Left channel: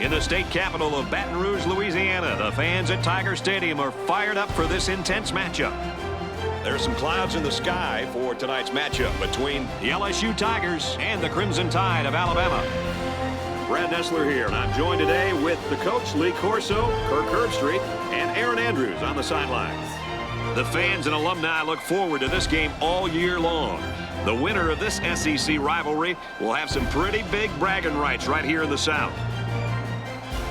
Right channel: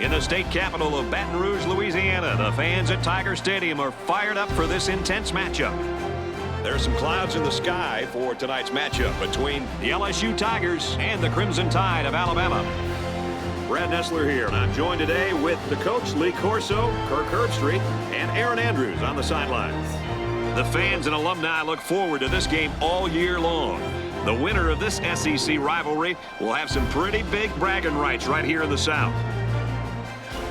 In the state capital of Baton Rouge, Louisiana, the fans at Tiger Stadium are fired up for this intense matchup. There are some clouds in the sky for tonight's matchup between the LSU Tigers and the Crimson Tide of Alabama. Brad Nessler here, and I'm joined today with the coach, Lee Corso, Kirk Herbstreit, and Aaron Andrews on the sidelines. The fans and alumni look forward to this game all year long. The winner of this SEC rivalry will have some pretty big bragging rights right here in the South.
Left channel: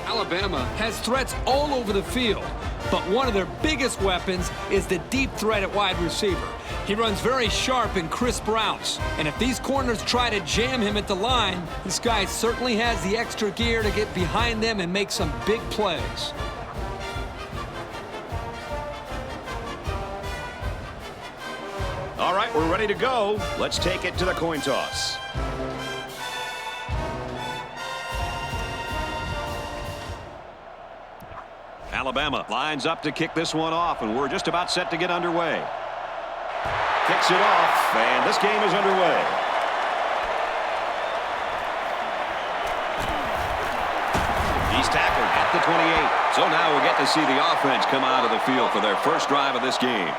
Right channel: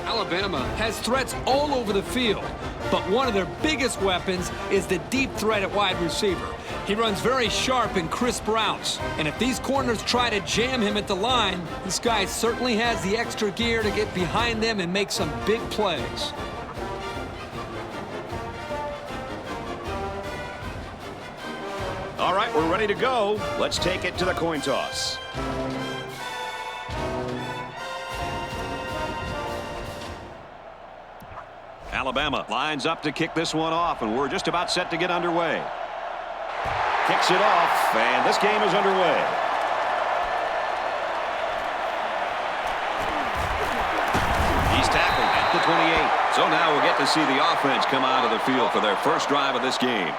Alabama has threats all over the field, but one of their biggest weapons is the deep threat at wide receiver. He runs very sharp and crisp routes, and if these corners try to jam him at the line, this guy certainly has the extra gear to get behind them and make some big plays. All right, we're ready to go. Let's take it to the coin toss. Alabama lines up to kick this one off, and we're just about set to get underway. Kicks it off, and this game is underway. He's tackled at the 28. So now we'll get to see the offense come out of the field for their first drive of this game.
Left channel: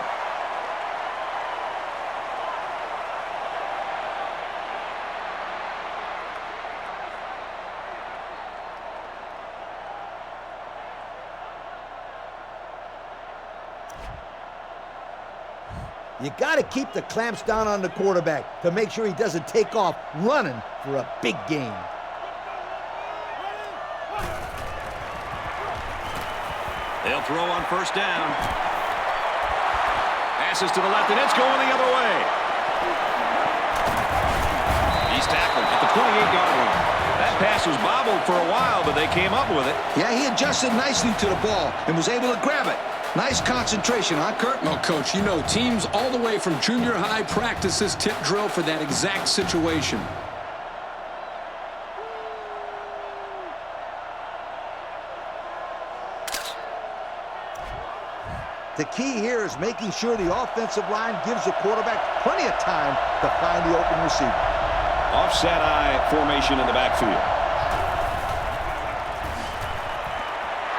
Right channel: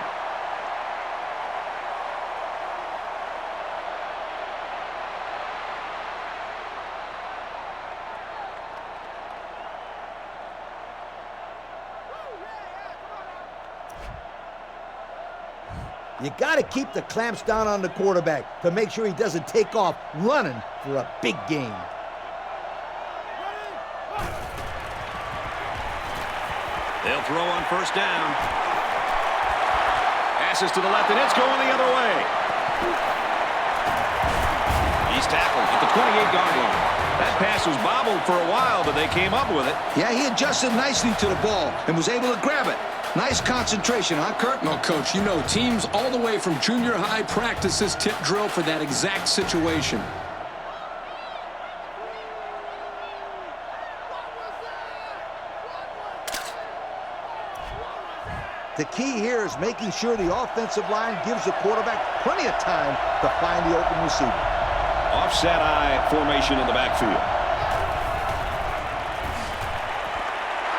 You got to keep the clamps down on the quarterback to make sure he doesn't take off running for a big game. They'll throw on first down. Passes to the left, and it's going the other way. He's tackled at the 28-yard line. That pass was bobbled for a while, but they came up with it. Yeah, he adjusted nicely to the ball and was able to grab it. Nice concentration, huh, Kurt? Well, Coach, you know, teams all the way from junior high practice this tip drill for that exact situation. The key here is making sure the offensive line gives the quarterback plenty of time to find the open receiver. Offset eye formation in the backfield.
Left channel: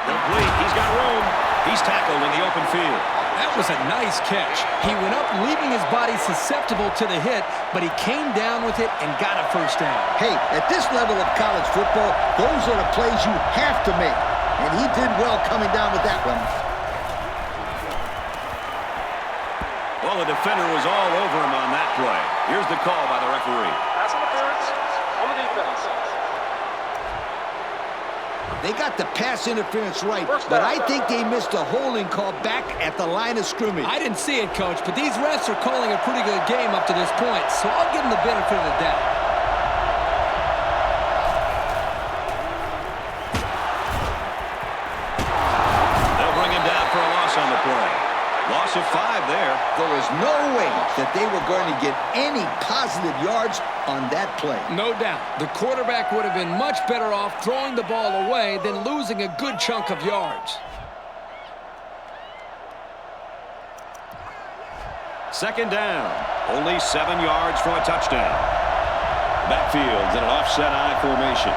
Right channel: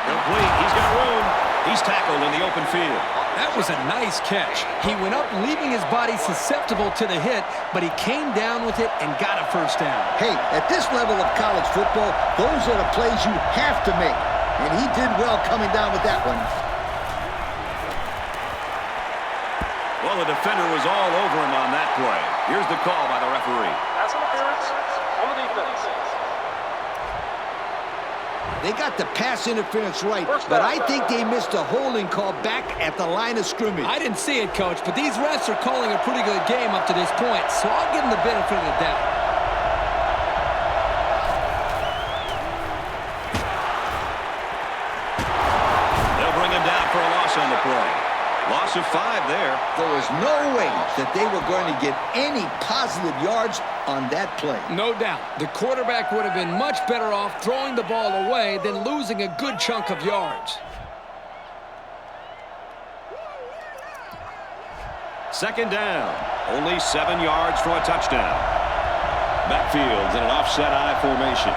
Complete. He's got room. He's tackled in the open field. That was a nice catch. He went up, leaving his body susceptible to the hit, but he came down with it and got a first down. Hey, at this level of college football, those are the plays you have to make. And he did well coming down with that one. Well, the defender was all over him on that play. Here's the call by the referee. Pass interference on the defense. They got the pass interference right, but I think they missed a holding call back at the line of scrimmage. I didn't see it, Coach, but these refs are calling a pretty good game up to this point, so I'll give them the benefit of the doubt. They'll bring him down for a loss on the play. Loss of 5 there. There was no way that they were going to get any positive yards on that play. No doubt. The quarterback would have been much better off throwing the ball away than losing a good chunk of yards. Second down. Only 7 yards from a touchdown. The backfield's in an offset eye formation.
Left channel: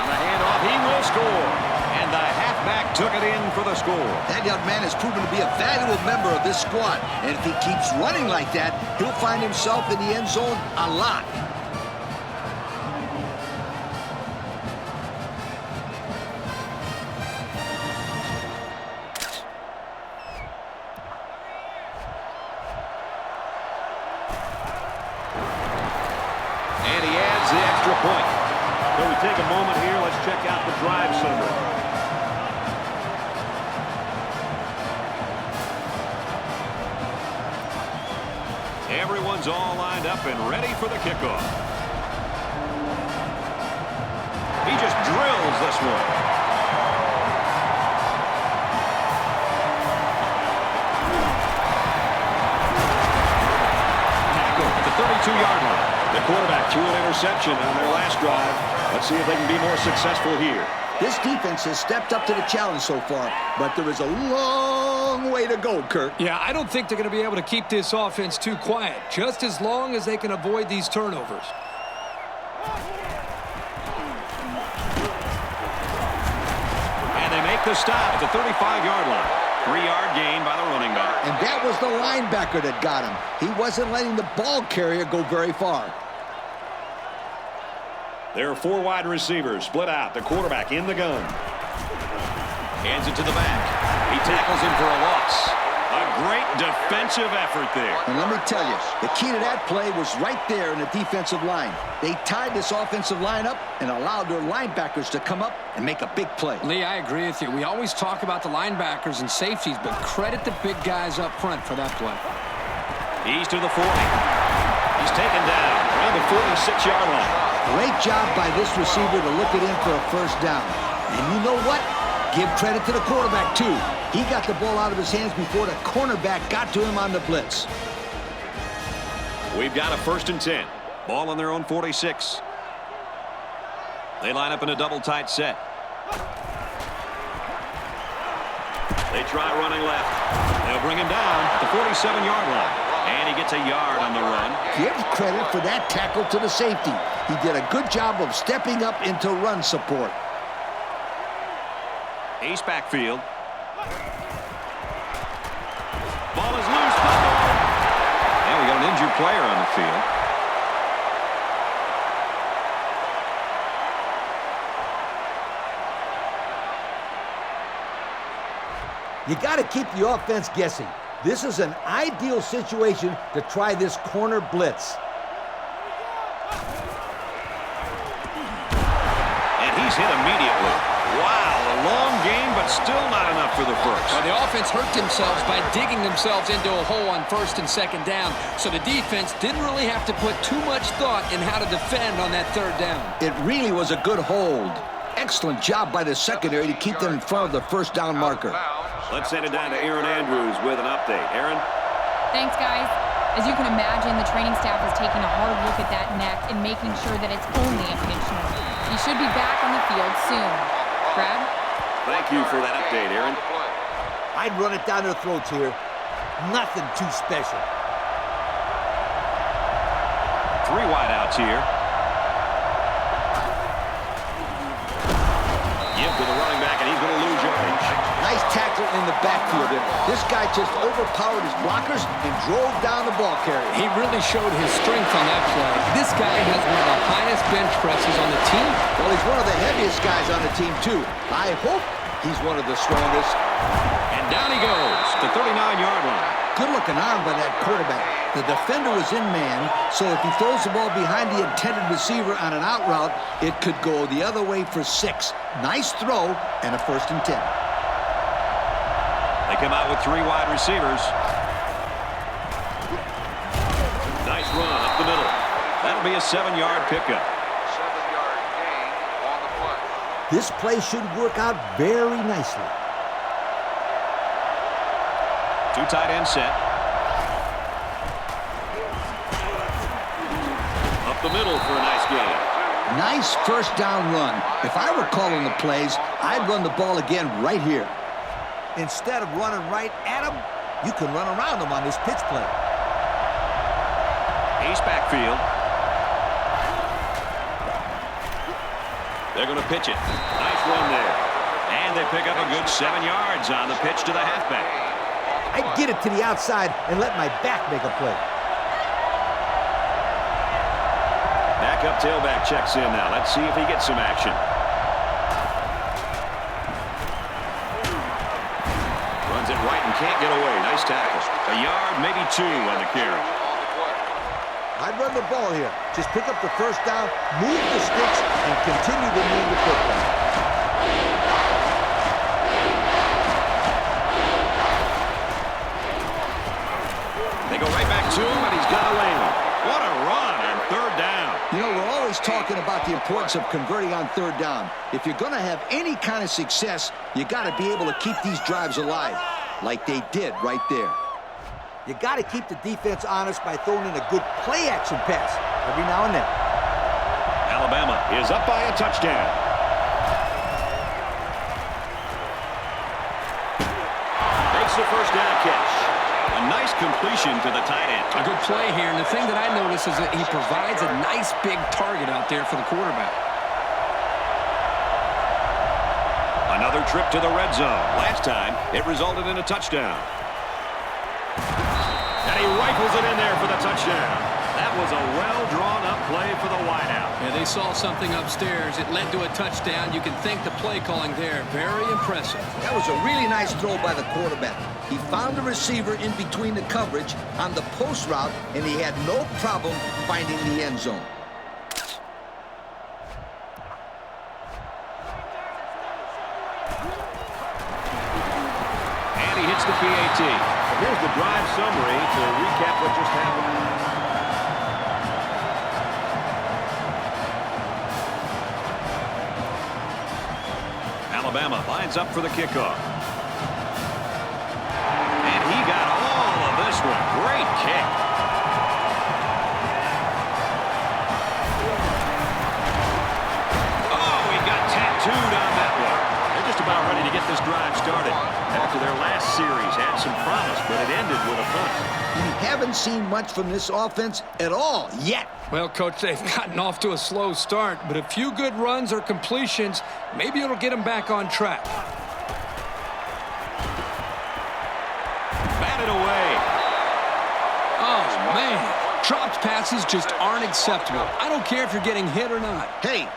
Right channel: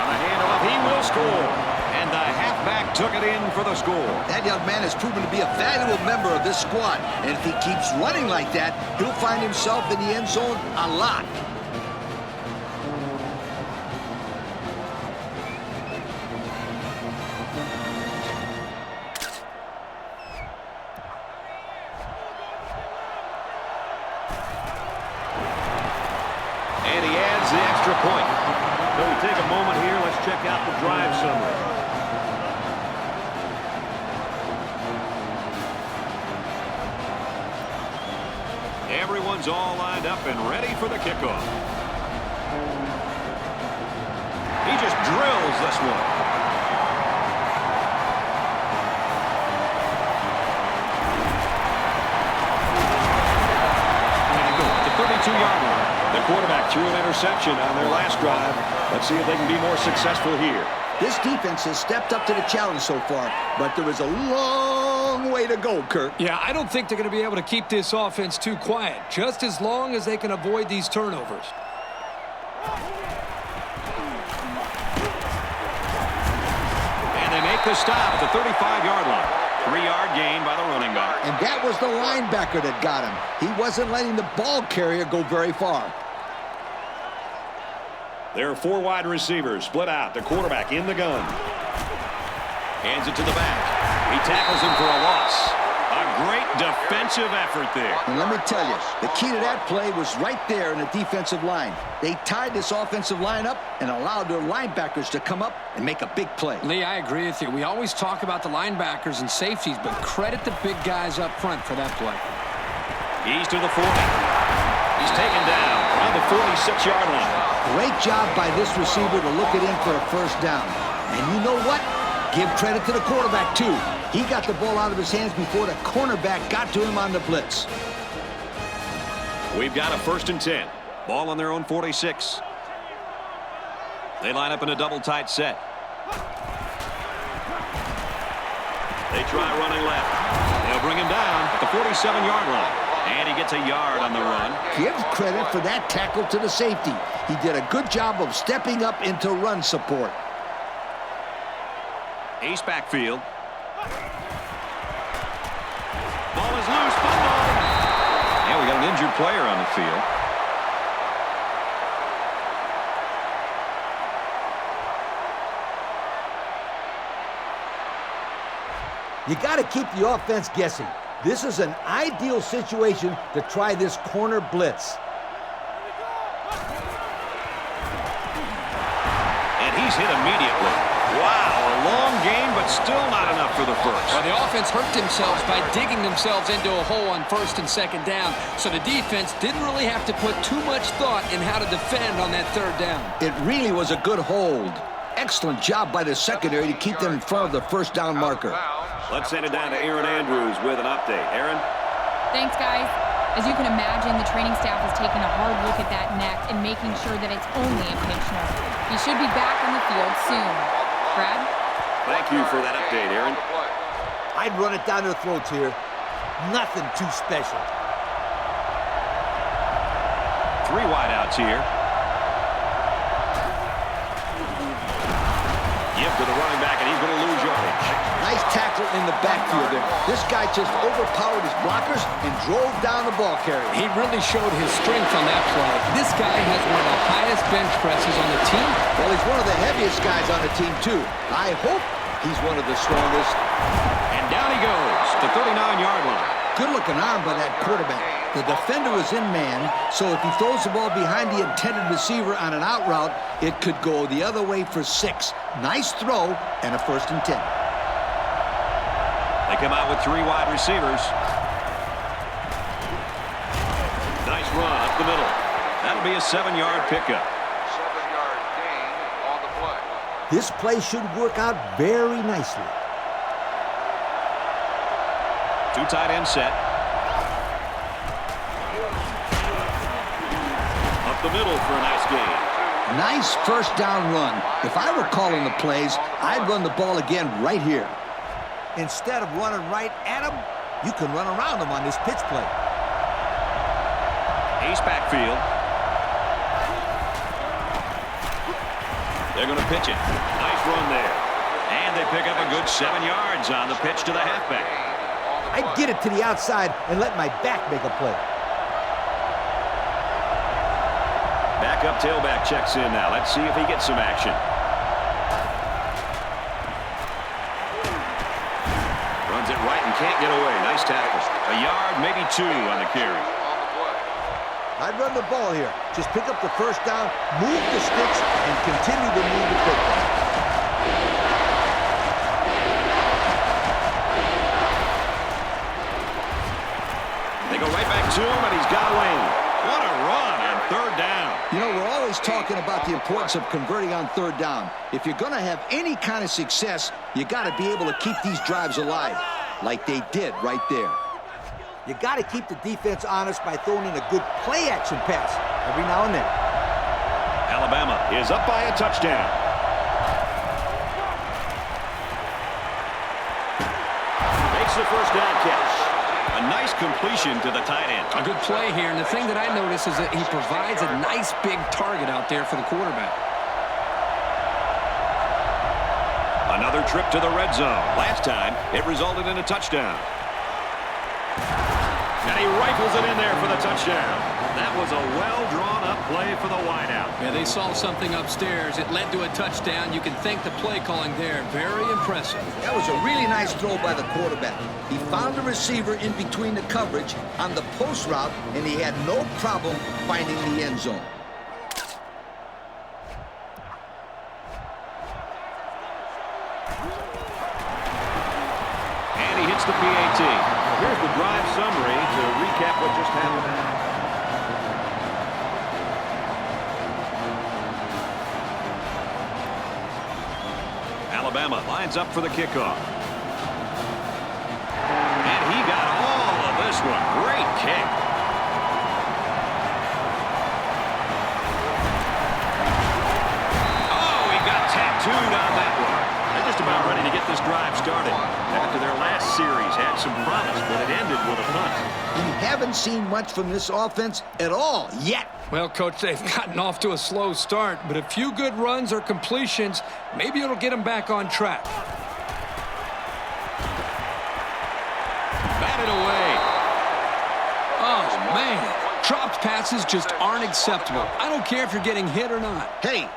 On the handoff, he will score. And the halfback took it in for the score. That young man has proven to be a valuable member of this squad. And if he keeps running like that, he'll find himself in the end zone a lot. And he adds the extra point. So we take a moment here. Let's check out the drive summary. Everyone's all lined up and ready for the kickoff. He just drills this one. Tackle at the 32-yard line. The quarterback threw an interception on their last drive. Let's see if they can be more successful here. This defense has stepped up to the challenge so far, but there is a long way to go, Kurt. Yeah, I don't think they're going to be able to keep this offense too quiet, just as long as they can avoid these turnovers. And they make the stop at the 35-yard line. 3-yard gain by the running back. And that was the linebacker that got him. He wasn't letting the ball carrier go very far. There are 4 wide receivers split out. The quarterback in the gun. Hands it to the back. He tackles him for a loss. A great defensive effort there. And let me tell you, the key to that play was right there in the defensive line. They tied this offensive line up and allowed their linebackers to come up and make a big play. Lee, I agree with you. We always talk about the linebackers and safeties, but credit the big guys up front for that play. He's to the 40. He's taken down around the 46-yard line. Great job by this receiver to look it in for a first down. And you know what? Give credit to the quarterback, too. He got the ball out of his hands before the cornerback got to him on the blitz. We've got a 1st and 10. Ball on their own 46. They line up in a double tight set. They try running left. They'll bring him down at the 47-yard line. And he gets a yard on the run. Give credit for that tackle to the safety. He did a good job of stepping up into run support. Ace backfield. Ball is loose. Fumble. And we got an injured player on the field. You got to keep the offense guessing. This is an ideal situation to try this corner blitz. And he's hit immediately. Wow, a long game, but still not enough for the first. Well, the offense hurt themselves by digging themselves into a hole on 1st and 2nd down, so the defense didn't really have to put too much thought in how to defend on that 3rd down. It really was a good hold. Excellent job by the secondary to keep them in front of the first down marker. Let's send it down to Aaron Andrews with an update. Aaron? Thanks, guys. As you can imagine, the training staff is taking a hard look at that neck and making sure that it's only a pinch nerve. He should be back on the field soon. Brad? Thank you for that update, Aaron. I'd run it down their throats here. Nothing too special. 3 wideouts here. Give to the running back, and he's going to lose yardage. Nice tackle in the backfield there. This guy just overpowered his blockers and drove down the ball carrier. He really showed his strength on that play. This guy has one of the highest bench presses on the team. Well, he's one of the heaviest guys on the team, too. I hope he's one of the strongest. And down he goes, the 39-yard line. Good-looking arm by that quarterback. The defender was in man, so if he throws the ball behind the intended receiver on an out route, it could go the other way for 6. Nice throw and a 1st and 10. They come out with 3 wide receivers. Nice run up the middle. That'll be a 7-yard pickup. 7-yard gain on the play. This play should work out very nicely. 2 tight end set. Up the middle for a nice gain. Nice first down run. If I were calling the plays, I'd run the ball again right here. Instead of running right at him, you can run around him on this pitch play. Ace backfield. They're going to pitch it. Nice run there. And they pick up a good 7 yards on the pitch to the halfback. I'd get it to the outside and let my back make a play. Backup tailback checks in now. Let's see if he gets some action. Runs it right and can't get away. Nice tackle. A yard, maybe 2 on the carry. I'd run the ball here. Just pick up the first down, move the sticks, and continue to move the football. They go right back to him, and he's got a lane. What a run on 3rd down. You know, we're always talking about the importance of converting on 3rd down. If you're going to have any kind of success, you got to be able to keep these drives alive, like they did right there. You got to keep the defense honest by throwing in a good play-action pass every now and then. Alabama is up by a touchdown. Makes the first down catch. A nice completion to the tight end. A good play here, and the thing that I notice is that he provides a nice big target out there for the quarterback. Another trip to the red zone. Last time, it resulted in a touchdown. And he rifles it in there for the touchdown. That was a well-drawn-up play for the wideout. Yeah, they saw something upstairs. It led to a touchdown. You can thank the play calling there. Very impressive. That was a really nice throw by the quarterback. He found the receiver in between the coverage on the post route, and he had no problem finding the end zone. And he hits the PAT. Here's the drive summary to recap what just happened. Alabama lines up for the kickoff. And he got all of this one. Great kick. Oh, he got tattooed on that one. They're just about ready to get this drive started. After their last series had some promise, but it ended with a punt. We haven't seen much from this offense at all yet. Well, Coach, they've gotten off to a slow start, but a few good runs or completions, maybe it'll get them back on track. Batted away. Oh, man. Dropped passes just aren't acceptable. I don't care if you're getting hit or not. Hey,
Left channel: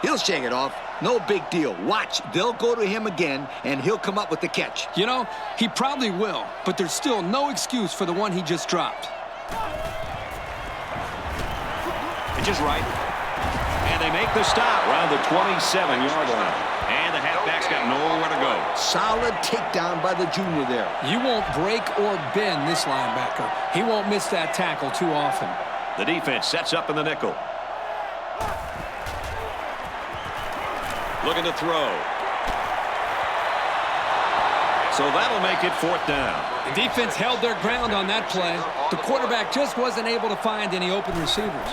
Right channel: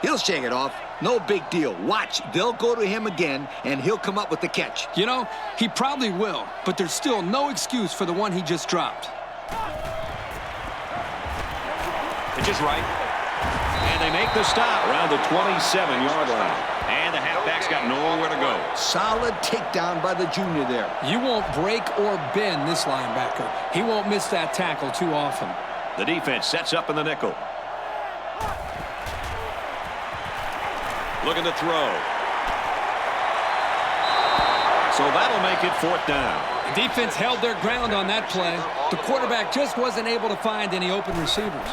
he'll shake it off. No big deal. Watch, they'll go to him again, and he'll come up with the catch. You know, he probably will, but there's still no excuse for the one he just dropped. Pitch is right. And they make the stop around the 27-yard line. And the halfback's got nowhere to go. Solid takedown by the junior there. You won't break or bend this linebacker. He won't miss that tackle too often. The defense sets up in the nickel. Looking to throw. So that'll make it 4th down. The defense held their ground on that play. The quarterback just wasn't able to find any open receivers.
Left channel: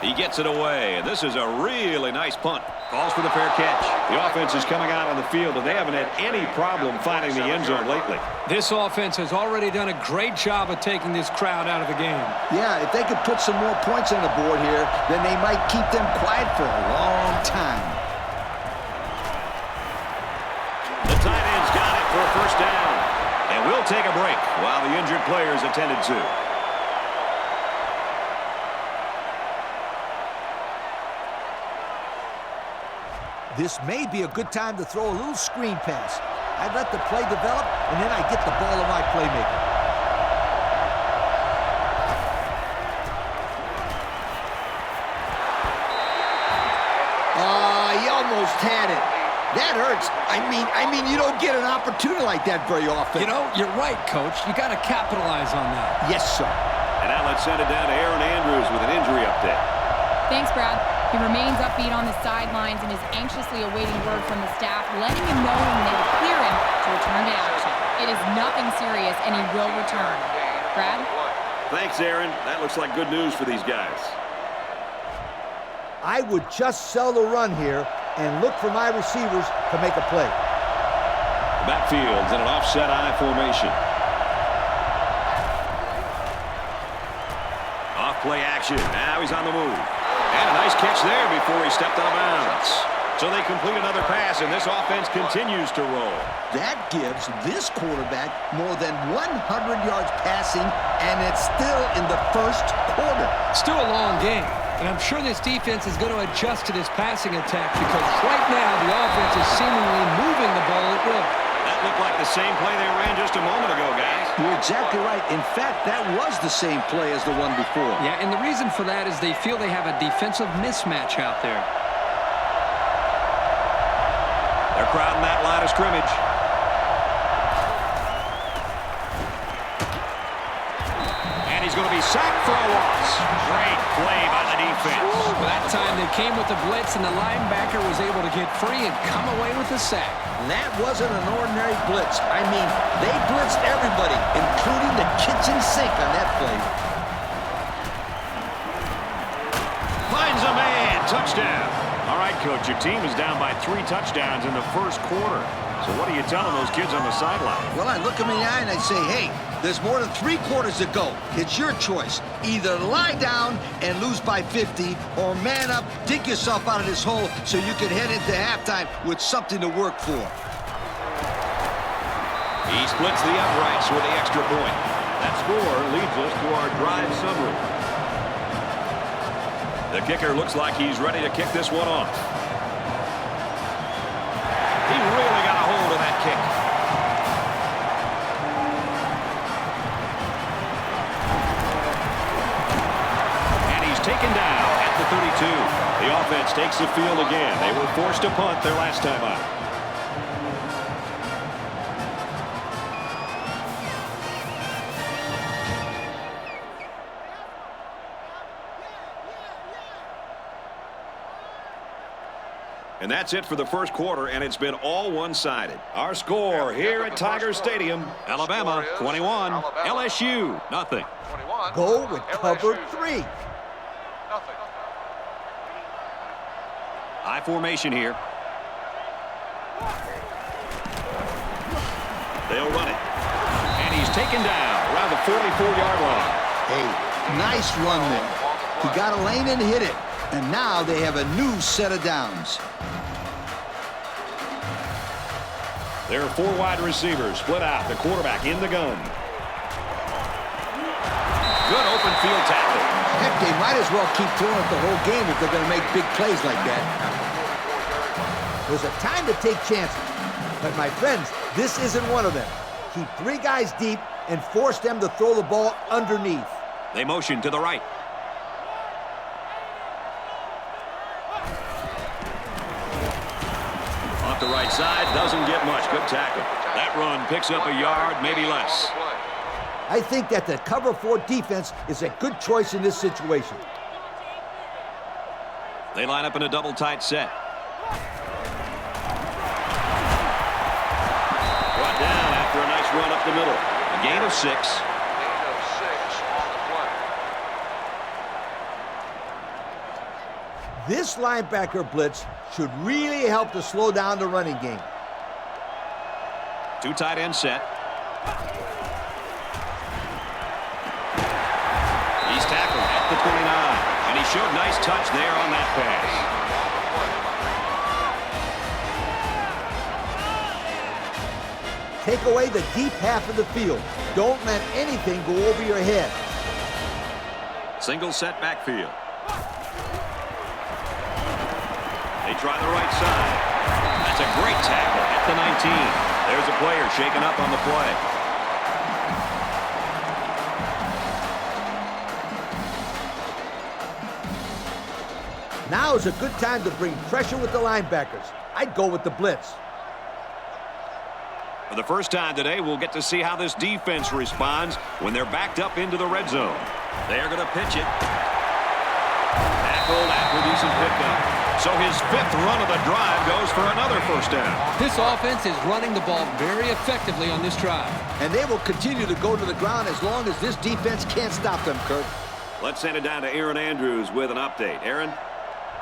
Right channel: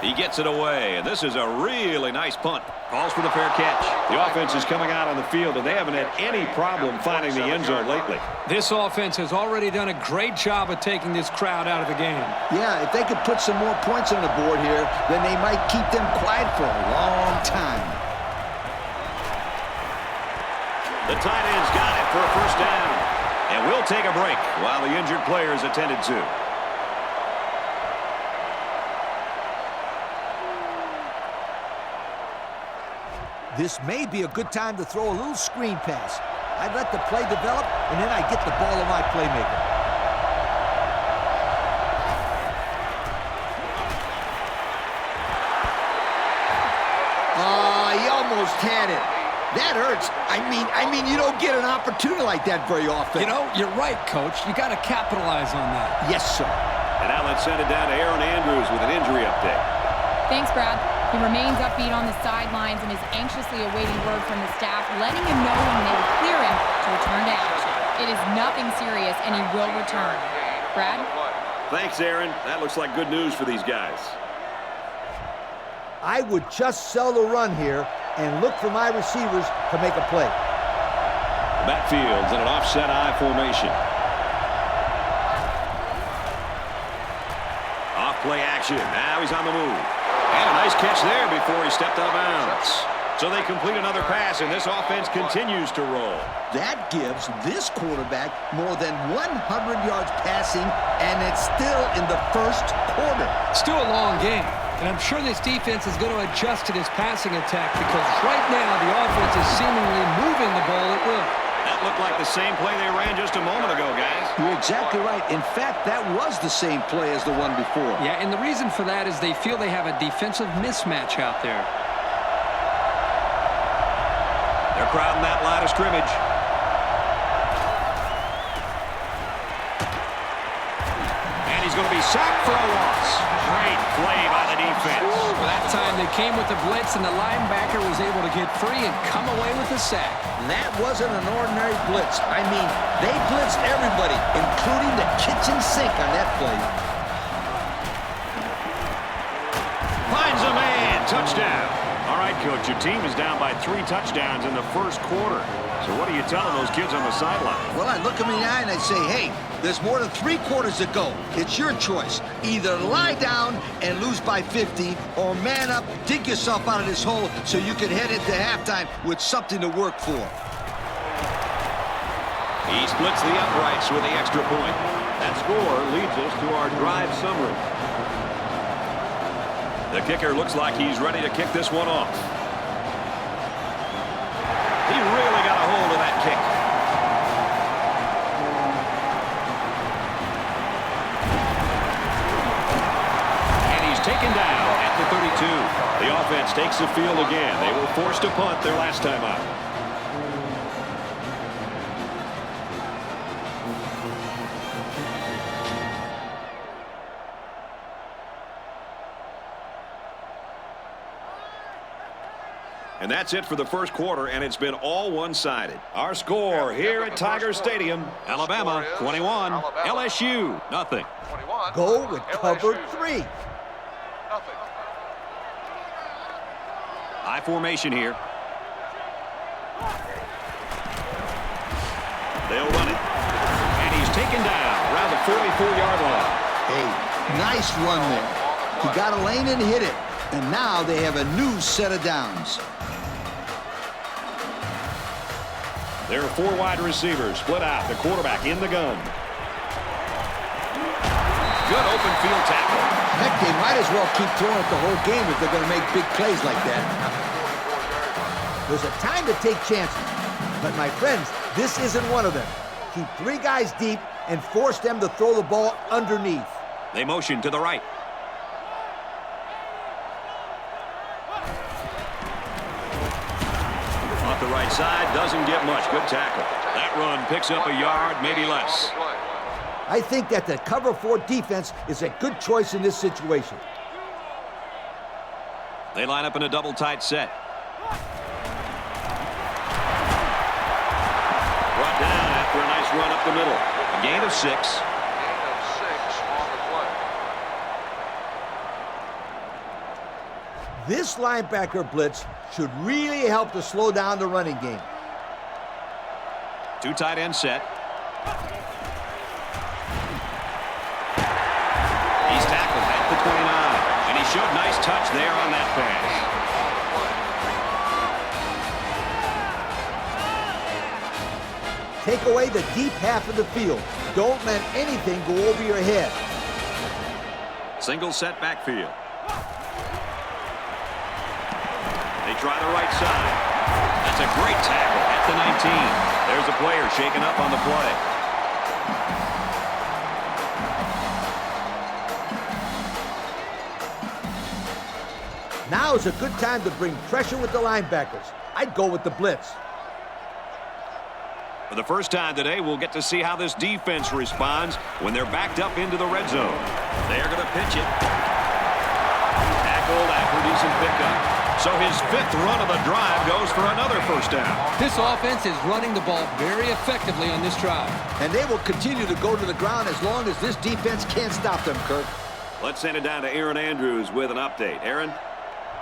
He gets it away, and this is a really nice punt. Calls for the fair catch. The offense is coming out on the field, and they haven't had any problem finding the end zone lately. This offense has already done a great job of taking this crowd out of the game. Yeah, if they could put some more points on the board here, then they might keep them quiet for a long time. The tight end's got it for a first down. And we'll take a break while the injured player is attended to. This may be a good time to throw a little screen pass. I'd let the play develop, and then I get the ball to my playmaker. He almost had it. That hurts. I mean, you don't get an opportunity like that very often. You know, you're right, Coach. You got to capitalize on that. Yes, sir. And now let's send it down to Aaron Andrews with an injury update. Thanks, Brad. He remains upbeat on the sidelines and is anxiously awaiting word from the staff, letting him know when they will clear him to return to action. It is nothing serious, and he will return. Brad? Thanks, Aaron. That looks like good news for these guys. I would just sell the run here and look for my receivers to make a play. The backfield's in an offset I formation. Off play action. Now he's on the move. And a nice catch there before he stepped out of bounds. So they complete another pass, and this offense continues to roll. That gives this quarterback more than 100 yards passing, and it's still in the first quarter. Still a long game, and I'm sure this defense is going to adjust to this passing attack because right now the offense is seemingly moving the ball at will. That looked like the same play they ran just a moment ago, guys. You're exactly right. In fact, that was the same play as the one before. Yeah, and the reason for that is they feel they have a defensive mismatch out there. They're crowding that line of scrimmage. And he's going to be sacked for a loss. Great play by the defense. Well, that time they came with the blitz, and the linebacker was able to get free and come away with the sack. That wasn't an ordinary blitz. I mean, they blitzed everybody, including the kitchen sink on that play. Finds a man. Touchdown. All right, Coach, your team is down by 3 touchdowns in the first quarter. So what are you telling those kids on the sideline? Well, I look them in the eye and I say, hey, there's more than 3 quarters to go. It's your choice. Either lie down and lose by 50, or man up, dig yourself out of this hole so you can head into halftime with something to work for. He splits the uprights with the extra point. That score leads us to our drive summary. The kicker looks like he's ready to kick this one off. He really got a hold of that kick. And he's taken down at the 32. The offense takes the field again. They were forced to punt their last time out. And that's it for the first quarter, and it's been all one-sided. Our score here at Tiger Stadium, Alabama 21, LSU nothing. Go with cover 3. High formation here. They'll run it. And he's taken down around the 44-yard line. Hey, nice run there. He got a lane and hit it. And now they have a new set of downs. There are 4 wide receivers split out. The quarterback in the gun. Good open field tackle. Heck, they might as well keep throwing it the whole game if they're going to make big plays like that. There's a time to take chances. But, my friends, this isn't one of them. Keep 3 guys deep and force them to throw the ball underneath. They motion to the right. Off the right side, doesn't get much. Good tackle. That run picks up a yard, maybe less. I think that the cover 4 defense is a good choice in this situation. They line up in a double tight set. Brought down after a nice run up the middle. A gain of 6. This linebacker blitz should really help to slow down the running game. 2 tight end set. He's tackled at the 29, and he showed nice touch there on that pass. Take away the deep half of the field. Don't let anything go over your head. Single set backfield. They try the right side. That's a great tackle at the 19. There's a player shaken up on the play. Now is a good time to bring pressure with the linebackers. I'd go with the blitz. For the first time today, we'll get to see how this defense responds when they're backed up into the red zone. They're going to pitch it. Tackled after a decent pickup. So his 5th run of the drive goes for another first down. This offense is running the ball very effectively on this drive. And they will continue to go to the ground as long as this defense can't stop them, Kurt. Let's send it down to Aaron Andrews with an update. Aaron?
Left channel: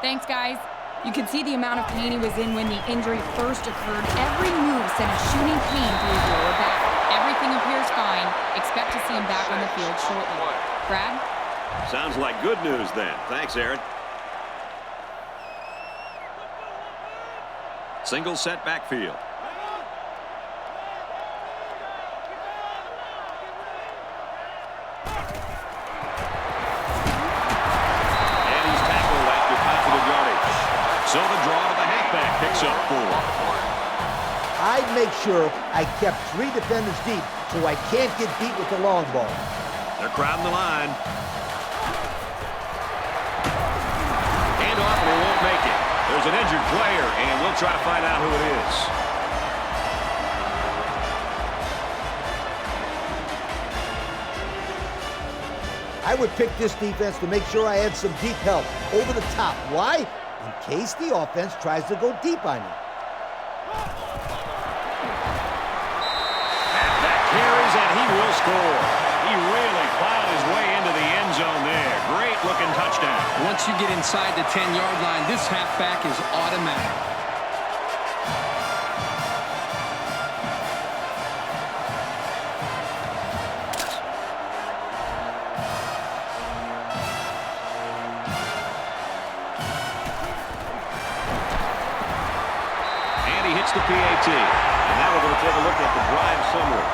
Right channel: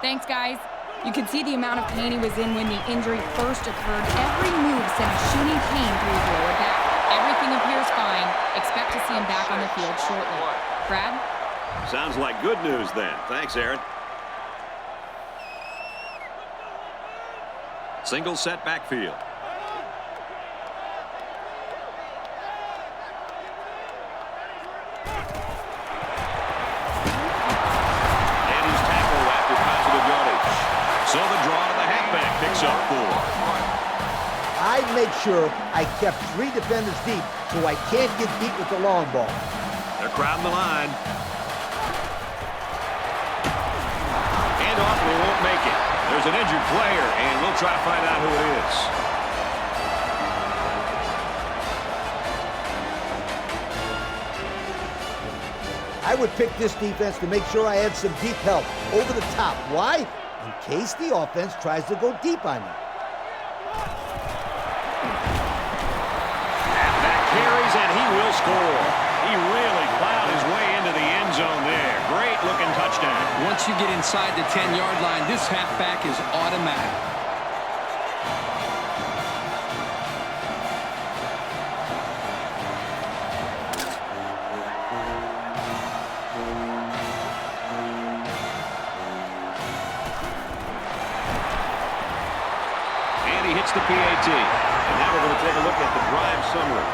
Thanks, guys. You could see the amount of pain he was in when the injury first occurred. Every move sent a shooting pain through his lower back. Everything appears fine. Expect to see him back on the field shortly. Brad? Sounds like good news then. Thanks, Aaron. Single set backfield. And he's tackled after positive yardage. So the draw to the halfback picks up 4. I'd make sure I kept 3 defenders deep so I can't get beat with the long ball. They're crowding the line. Hand off and he won't make it. There's an injured player, and we'll try to find out who it is. I would pick this defense to make sure I had some deep help over the top. Why? In case the offense tries to go deep on you. Halfback carries, and he will score. He really plowed his way into the end zone there. Great-looking touchdown. Once you get inside the 10-yard line, this halfback is automatic. And he hits the PAT. And now we're going to take a look at the drive summary.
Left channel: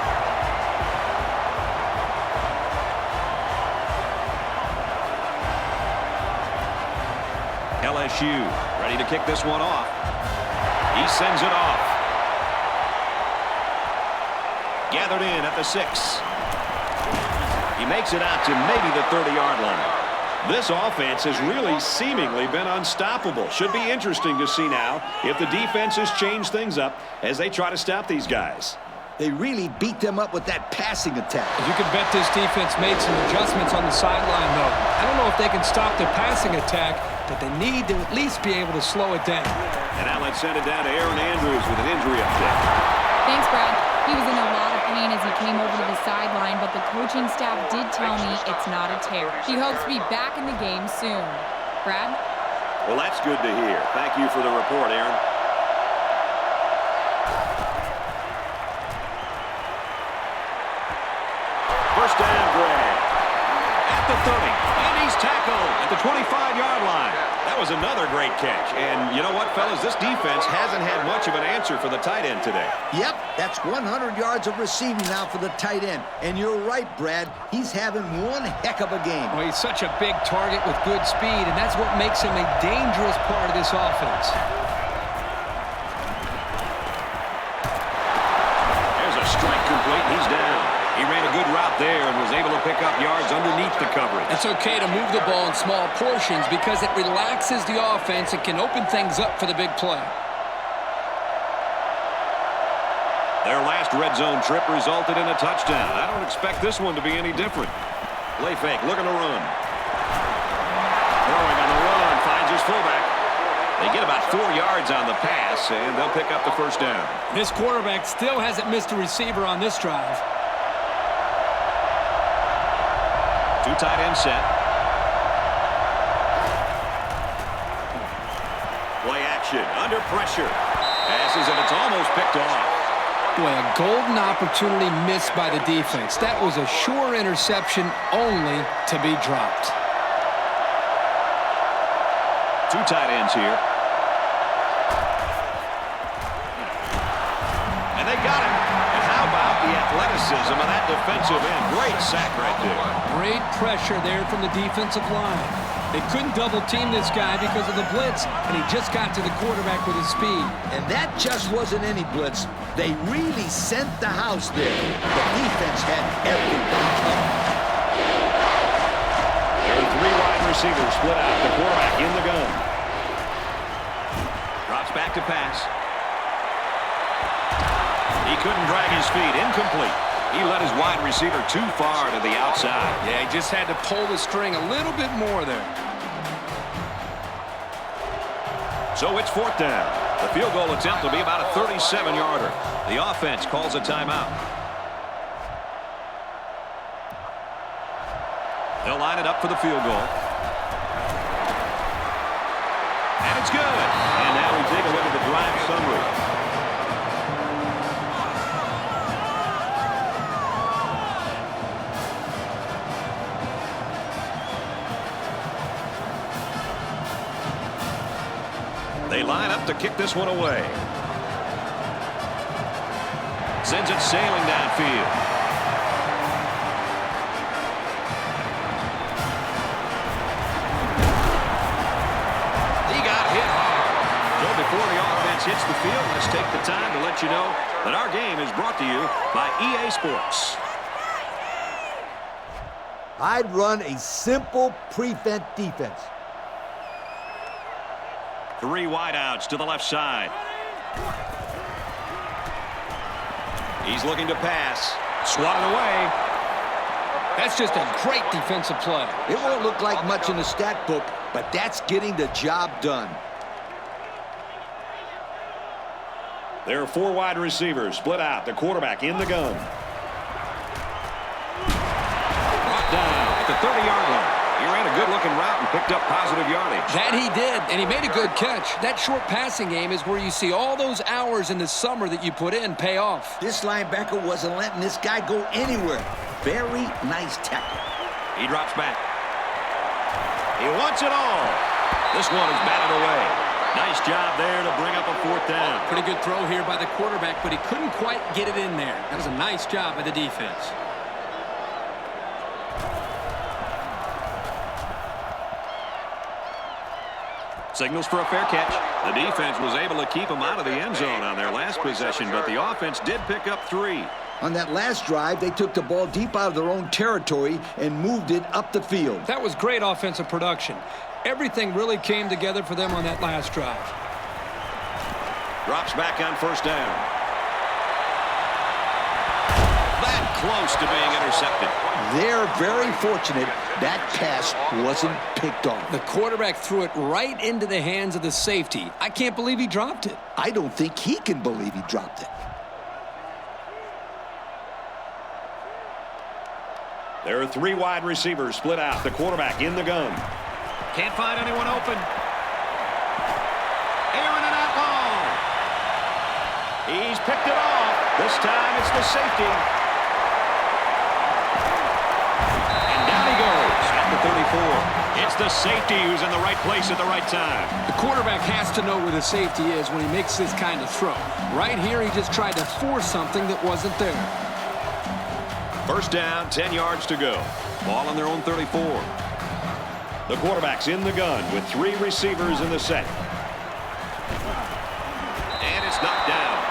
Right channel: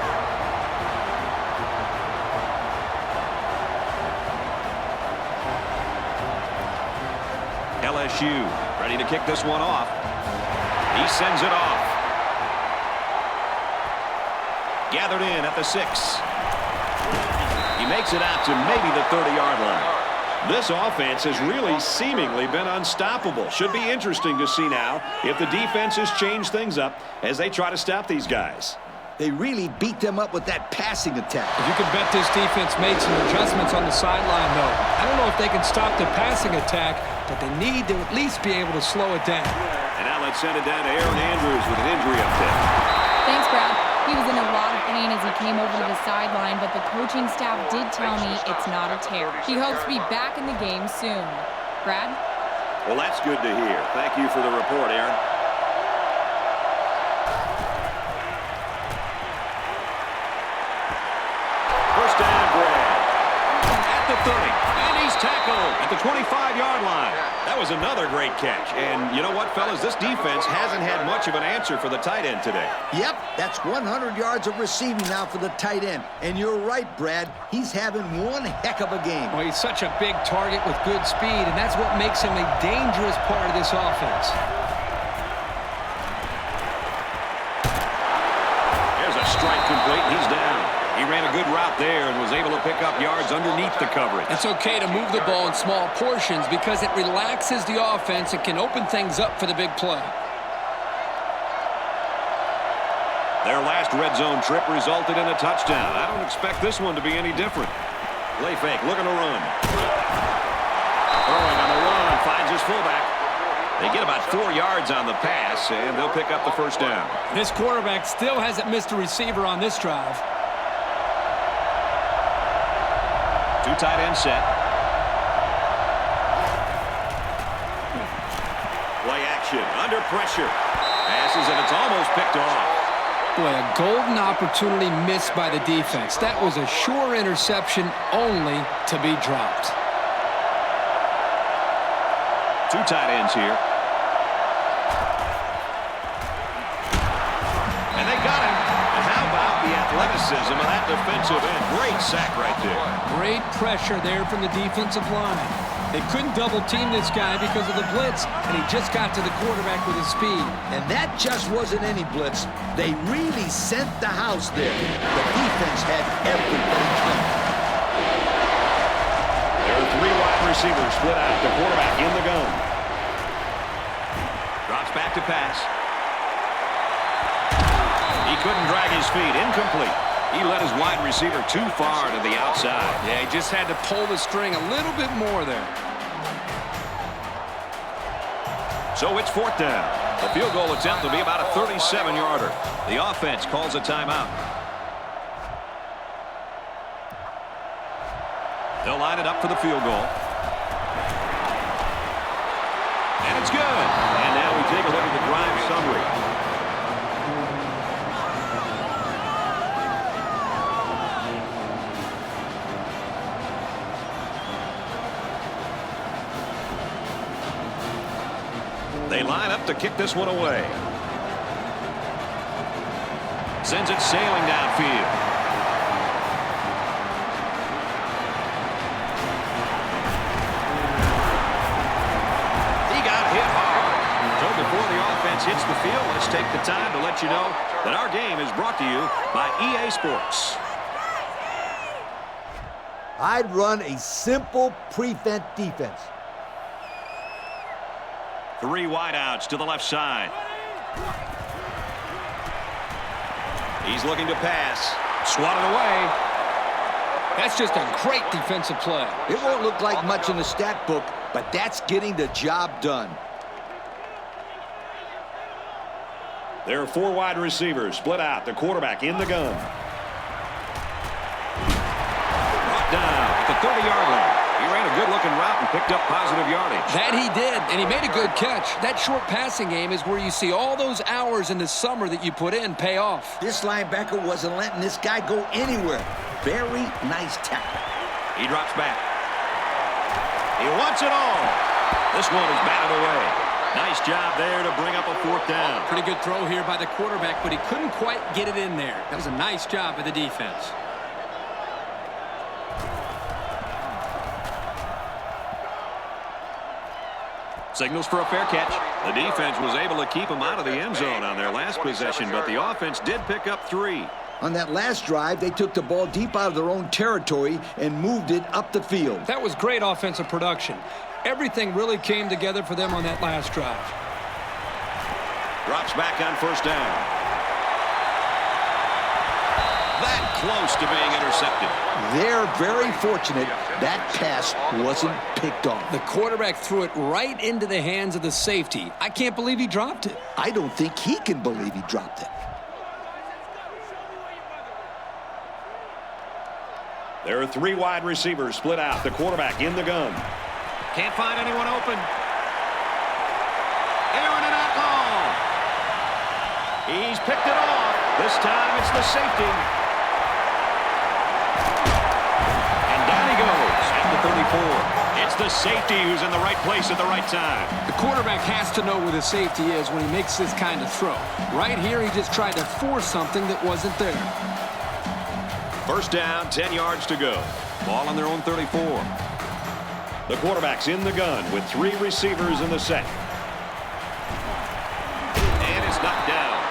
LSU ready to kick this one off. He sends it off. Gathered in at the 6. He makes it out to maybe the 30-yard line. This offense has really seemingly been unstoppable. Should be interesting to see now if the defenses change things up as they try to stop these guys. They really beat them up with that passing attack. You can bet this defense made some adjustments on the sideline, though. I don't know if they can stop the passing attack, but they need to at least be able to slow it down. And now let's send it down to Aaron Andrews with an injury update. Thanks, Brad. He was in a lot of pain as he came over to the sideline, but the coaching staff did tell me it's not a tear. He hopes to be back in the game soon. Brad? Well, that's good to hear. Thank you for the report, Aaron. First down grab at the 30, and he's tackled at the 25-yard line. That was another great catch. And you know what, fellas? This defense hasn't had much of an answer for the tight end today. Yep, that's 100 yards of receiving now for the tight end. And you're right, Brad. He's having one heck of a game. Oh, he's such a big target with good speed, and that's what makes him a dangerous part of this offense. There's a strike complete, and he's down. He ran a good route there and was able to pick up yards underneath the coverage. It's okay to move the ball in small portions because it relaxes the offense and can open things up for the big play. Their last red zone trip resulted in a touchdown. I don't expect this one to be any different. Play fake, looking to run. Throwing on the run, finds his fullback. They get about 4 yards on the pass, and they'll pick up the first down. This quarterback still hasn't missed a receiver on this drive. Two tight end set. Play action, under pressure. Passes, and it's almost picked off. Boy, a golden opportunity missed by the defense. That was a sure interception only to be dropped. Two tight ends here. And they got him. And how about the athleticism of that defensive end? Great sack right there. Great pressure there from the defensive line. They couldn't double team this guy because of the blitz, and he just got to the quarterback with his speed. And that just wasn't any blitz. They really sent the house there. The defense had everybody covered. There are 3 wide receivers split out. The quarterback in the gun. Drops back to pass. He couldn't drag his feet. Incomplete. He led his wide receiver too far to the outside. Yeah, he just had to pull the string a little bit more there. So it's 4th down. The field goal attempt will be about a 37-yarder. The offense calls a timeout. They'll line it up for the field goal. And it's good. And now we take a look at the drive summary. They line up to kick this one away. Sends it sailing downfield. He got hit hard. So before the offense hits the field, let's take the time to let you know that our game is brought to you by EA Sports. I'd run a simple prevent defense. 3 wideouts to the left side. He's looking to pass. Swatted away. That's just a great defensive play. It won't look like much in the stat book, but that's getting the job done. There are 4 wide receivers split out. The quarterback in the gun. Brought down at the 30-yard line. He ran a good-looking route and picked up positive yardage. That he did, and he made a good catch. That short passing game is where you see all those hours in the summer that you put in pay off. This linebacker wasn't letting this guy go anywhere. Very nice tackle. He drops back. He wants it all. This one is batted away. Nice job there to bring up a 4th down. Pretty good throw here by the quarterback, but he couldn't quite get it in there. That was a nice job by the defense. Signals for a fair catch. The defense was able to keep him out of the end zone on their last possession, but the offense did pick up 3. On that last drive, they took the ball deep out of their own territory and moved it up the field. That was great offensive production. Everything really came together for them on that last drive. Drops back on 1st down. That close to being intercepted. They're very fortunate that pass wasn't picked off. The quarterback threw it right into the hands of the safety. I can't believe he dropped it. I don't think he can believe he dropped it. There are 3 wide receivers split out. The quarterback in the gun. Can't find anyone open. Airing it out long. He's picked it off. This time it's the safety. And down he goes at the 34. It's the safety who's in the right place at the right time. The quarterback has to know where the safety is when he makes this kind of throw. Right here, he just tried to force something that wasn't there. 1st down, 10 yards to go. Ball on their own 34. The quarterback's in the gun with 3 receivers in the set. And it's knocked down.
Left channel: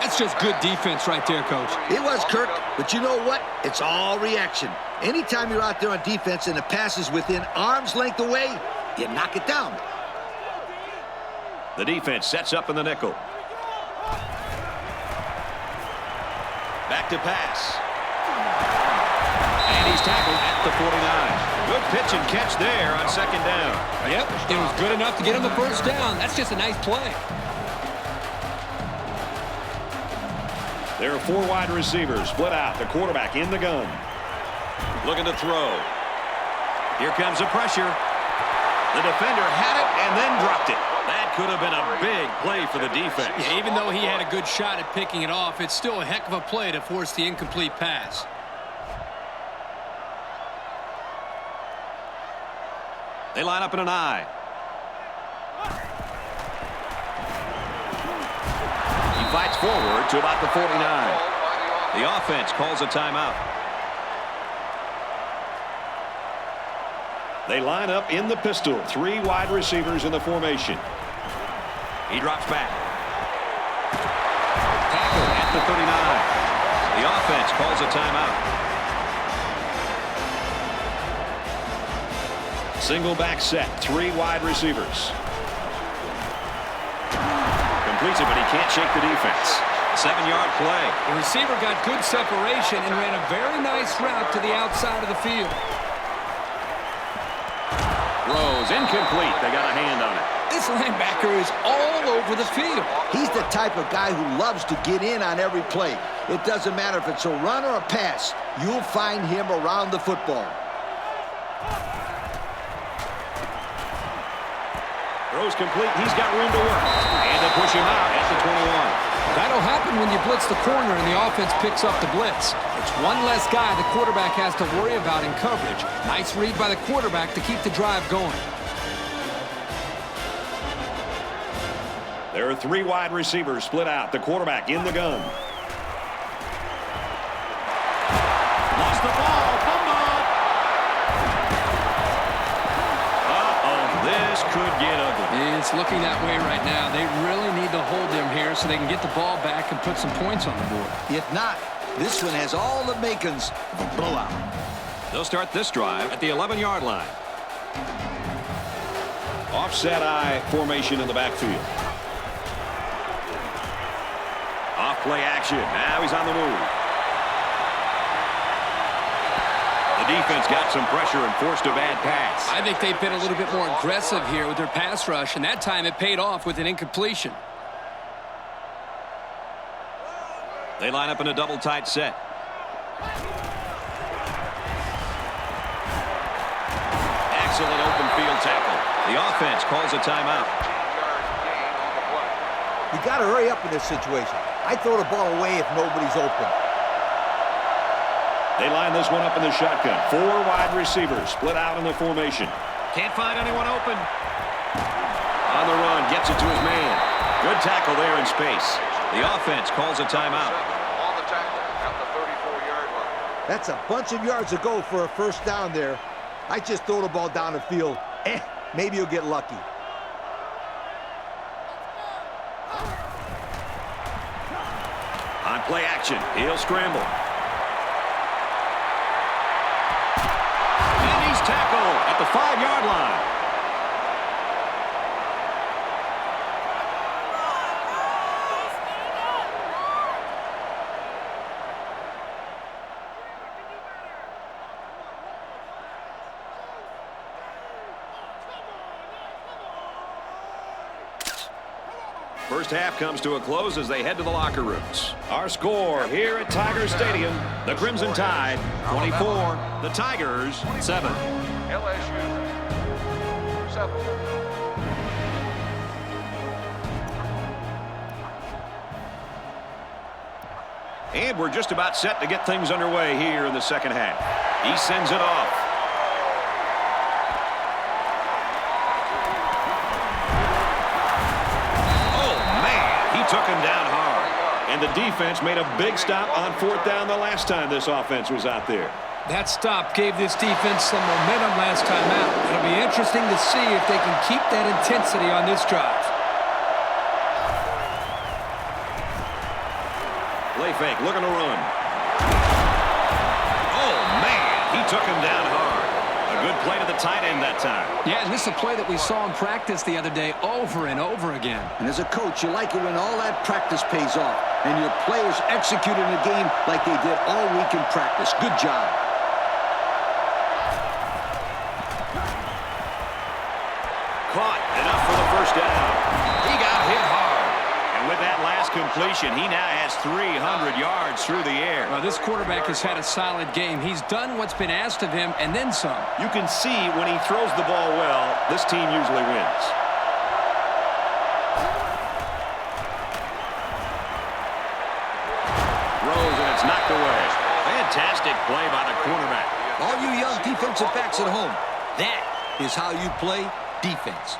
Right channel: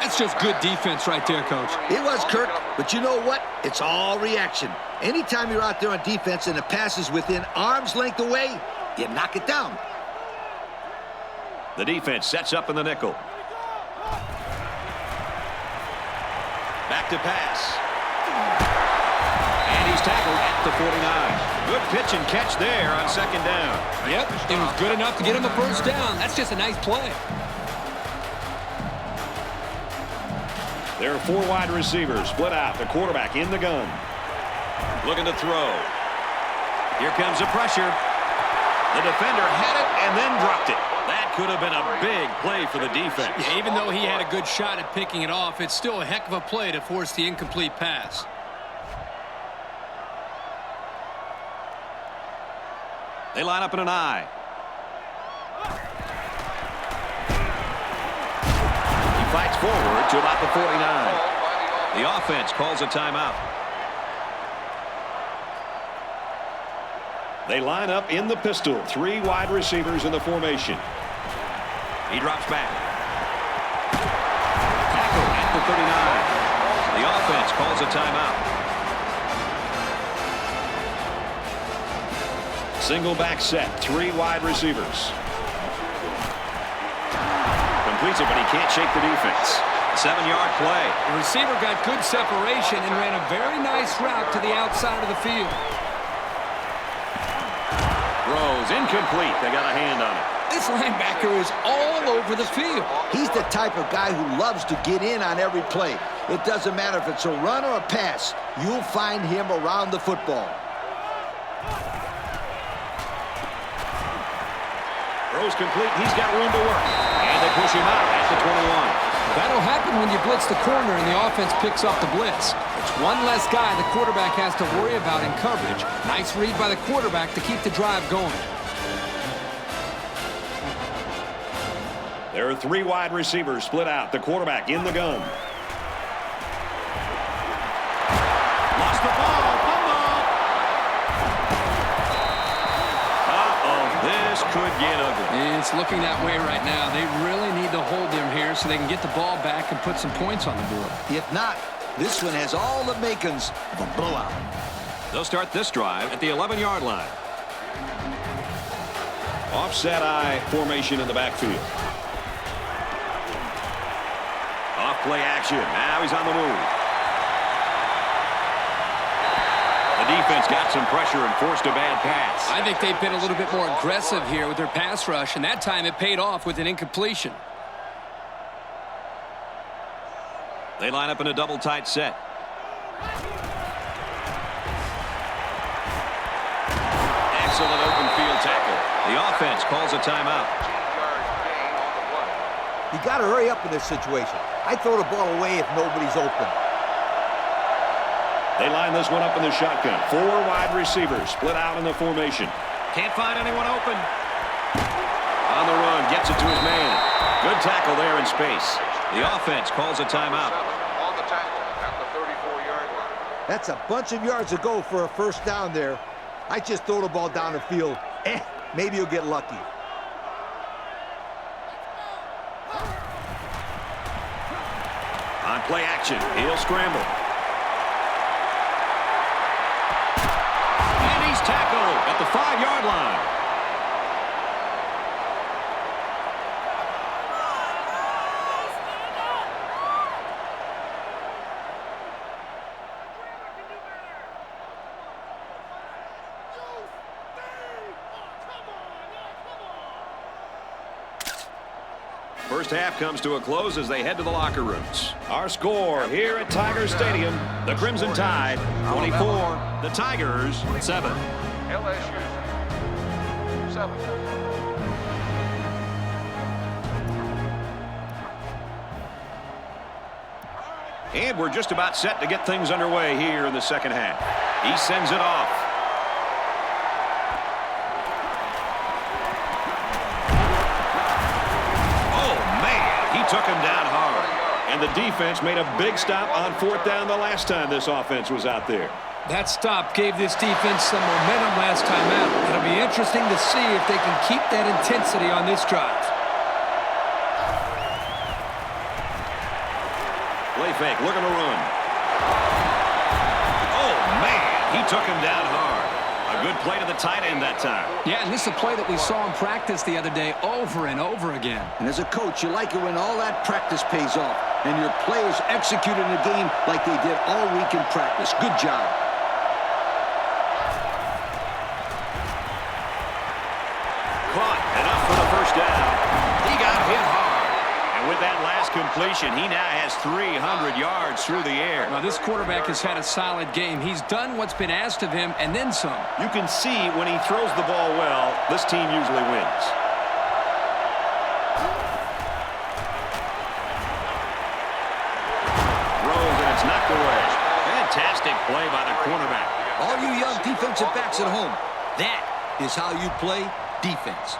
That's just good defense right there, Coach. It was, Kirk, but you know what? It's all reaction. Anytime you're out there on defense and the pass is within arm's length away, you knock it down. The defense sets up in the nickel. Back to pass. And he's tackled at the 49. Good pitch and catch there on 2nd down. Yep, it was good enough to get him the 1st down. That's just a nice play. There are 4 wide receivers split out. The quarterback in the gun. Looking to throw. Here comes the pressure. The defender had it and then dropped it. That could have been a big play for the defense. Yeah, even though he had a good shot at picking it off, it's still a heck of a play to force the incomplete pass. They line up in an I. He fights forward to about the 49. The offense calls a timeout. They line up in the pistol. 3 wide receivers in the formation. He drops back. Tackle at the 39. The offense calls a timeout. Single back set. 3 wide receivers. Completes it, but he can't shake the defense. A 7-yard play. The receiver got good separation and ran a very nice route to the outside of the field. Throws incomplete. They got a hand on it. This linebacker is all over the field. He's the type of guy who loves to get in on every play. It doesn't matter if it's a run or a pass. You'll find him around the football. Throws complete. He's got room to work. And they push him out at the 21. That'll happen when you blitz the corner and the offense picks up the blitz. It's one less guy the quarterback has to worry about in coverage. Nice read by the quarterback to keep the drive going. There are 3 wide receivers split out. The quarterback in the gun. Lost the ball. Fumble. Uh-oh. This could get ugly. It's looking that way right now. They really need to hold him here so they can get the ball back and put some points on the board. If not, this one has all the makings of a blowout. They'll start this drive at the 11-yard line. Offset I formation in the backfield. Off play action. Now he's on the move. The defense got some pressure and forced a bad pass. I think they've been a little bit more aggressive here with their pass rush, and that time it paid off with an incompletion. They line up in a double tight set. Excellent open field tackle. The offense calls a timeout. You got to hurry up in this situation. I throw the ball away if nobody's open. They line this one up in the shotgun. 4 wide receivers split out in the formation. Can't find anyone open. On the run, gets it to his man. Good tackle there in space. The offense calls a timeout. On the tackle at the 34-yard line. That's a bunch of yards to go for a first down there. I just throw the ball down the field. Maybe you'll get lucky. On play action, he'll scramble. And he's tackled at the 5-yard line. First half comes to a close as they head to the locker rooms. Our score here at Tiger Stadium, the Crimson Tide, 24. The Tigers, 7. LSU 7. And we're just about set to get things underway here in the second half. He sends it off. He took him down hard. And the defense made a big stop on 4th down the last time this offense was out there. That stop gave this defense some momentum last time out. It'll be interesting to see if they can keep that intensity on this drive. Play fake, looking to run. Oh, man, he took him down hard. A good play to the tight end that time. Yeah, and this is a play that we saw in practice the other day over and over again. And as a coach, you like it when all that practice pays off and your players execute in a game like they did all week in practice. Good job. Caught, enough for the first down. He got hit hard. And with that last completion, he now has 300 yards through the air. Well, this quarterback has had a solid game. He's done what's been asked of him and then some. You can see when he throws the ball well, this team usually wins. Throws and it's knocked away. Fantastic play by the cornerback. All you young defensive backs at home, that is how you play defense.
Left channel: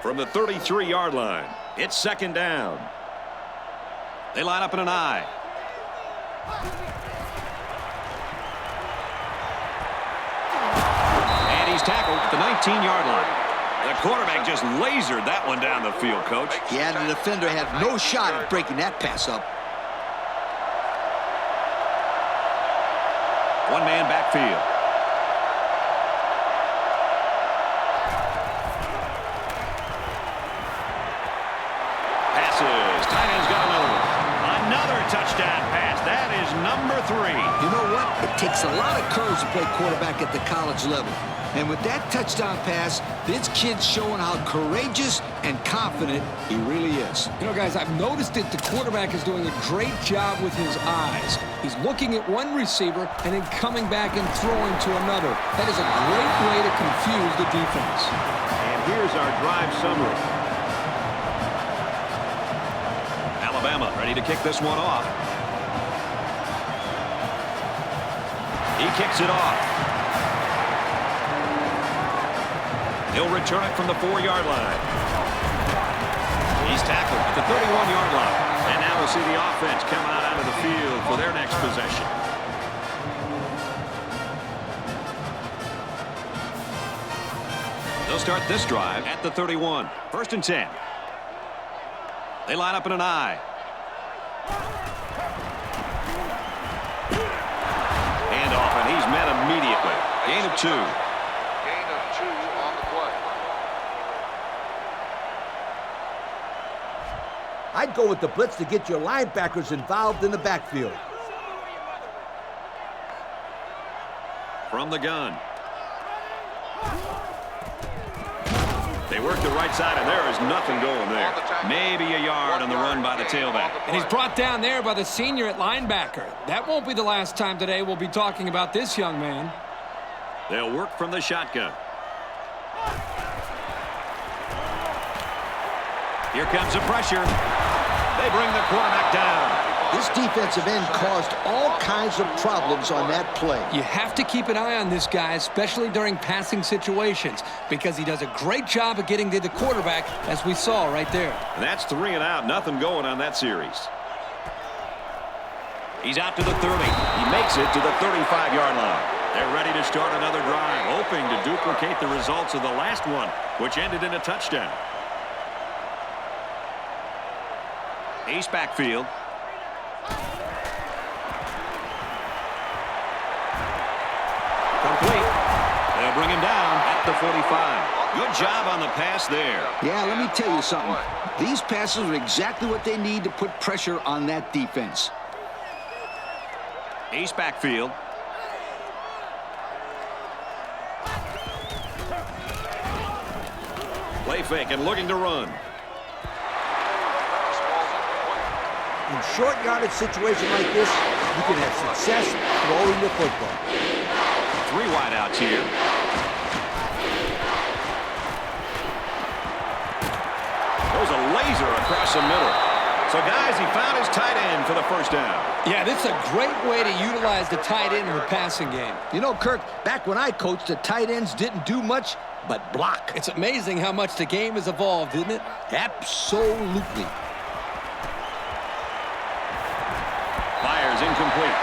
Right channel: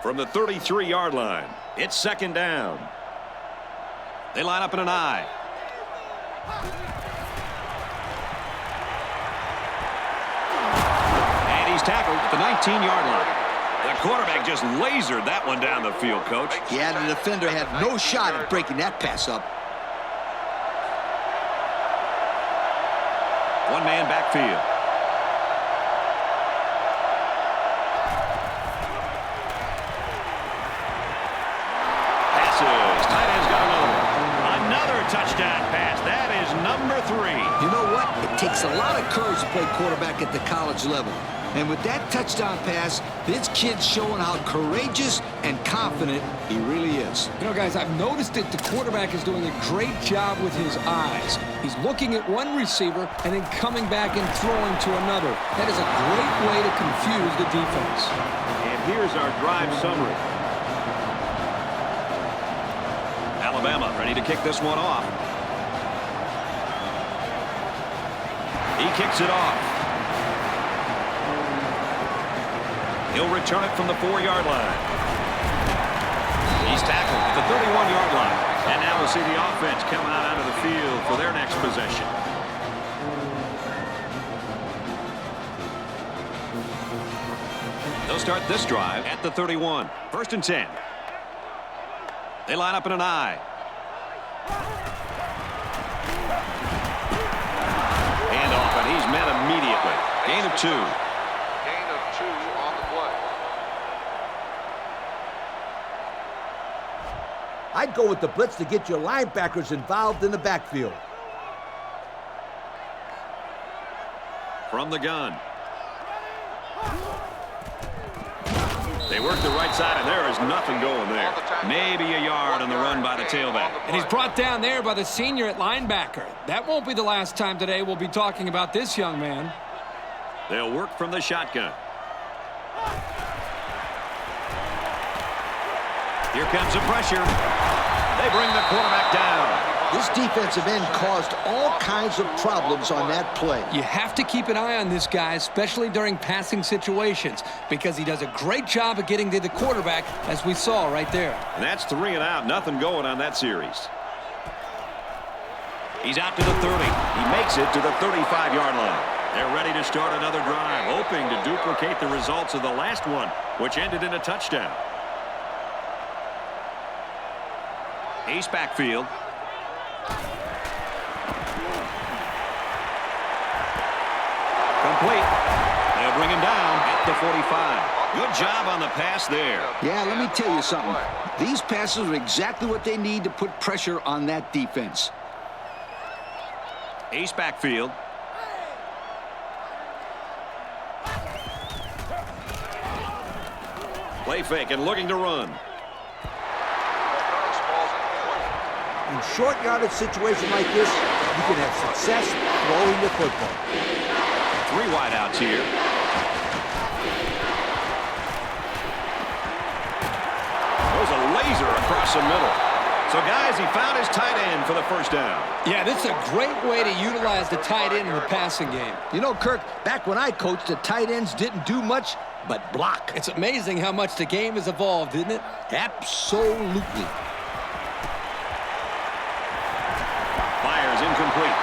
From the 33-yard line, it's second down. They line up in an I. And he's tackled at the 19-yard line. The quarterback just lasered that one down the field, Coach. Yeah, the defender had no shot at breaking that pass up. One-man backfield. Tight end's got another one. Another touchdown pass. That is number 3. You know what? It takes a lot of courage to play quarterback at the college level. And with that touchdown pass, this kid's showing how courageous and confident he really is. You know, guys, I've noticed that the quarterback is doing a great job with his eyes. He's looking at one receiver and then coming back and throwing to another. That is a great way to confuse the defense. And here's our drive summary. Alabama ready to kick this one off. He kicks it off. He'll return it from the 4-yard line. He's tackled at the 31-yard line. And now we'll see the offense come out onto the field for their next possession. They'll start this drive at the 31. 1st and 10. They line up in an I. Hand off, and he's met immediately. Gain of 2. Gain of 2 on the play. I'd go with the blitz to get your linebackers involved in the backfield. From the gun. They work the right side, and there is nothing going there. Maybe a yard on the run by the tailback. And he's brought down there by the senior at linebacker. That won't be the last time today we'll be talking about this young man. They'll work from the shotgun. Here comes the pressure. They bring the quarterback down. This defensive end caused all kinds of problems on that play. You have to keep an eye on this guy, especially during passing situations, because he does a great job of getting to the quarterback, as we saw right there. And that's 3 and out. Nothing going on that series. He's out to the 30. He makes it to the 35-yard line. They're ready to start another drive, hoping to duplicate the results of the last one, which ended in a touchdown. Ace backfield. Complete. They'll bring him down at the 45. Good job on the pass there. Yeah, let me tell you something. These passes are exactly what they need to put pressure on that defense. Ace backfield. Play fake and looking to run. In short yardage situation like this, you can have success throwing the football. 3 wideouts here. Goes a laser across the middle. So, guys, he found his tight end for the first down. Yeah, this is a great way to utilize the tight end in the passing game. You know, Kirk, back when I coached, the tight ends didn't do much but block. It's amazing how much the game has evolved, isn't it? Absolutely. Fires incomplete.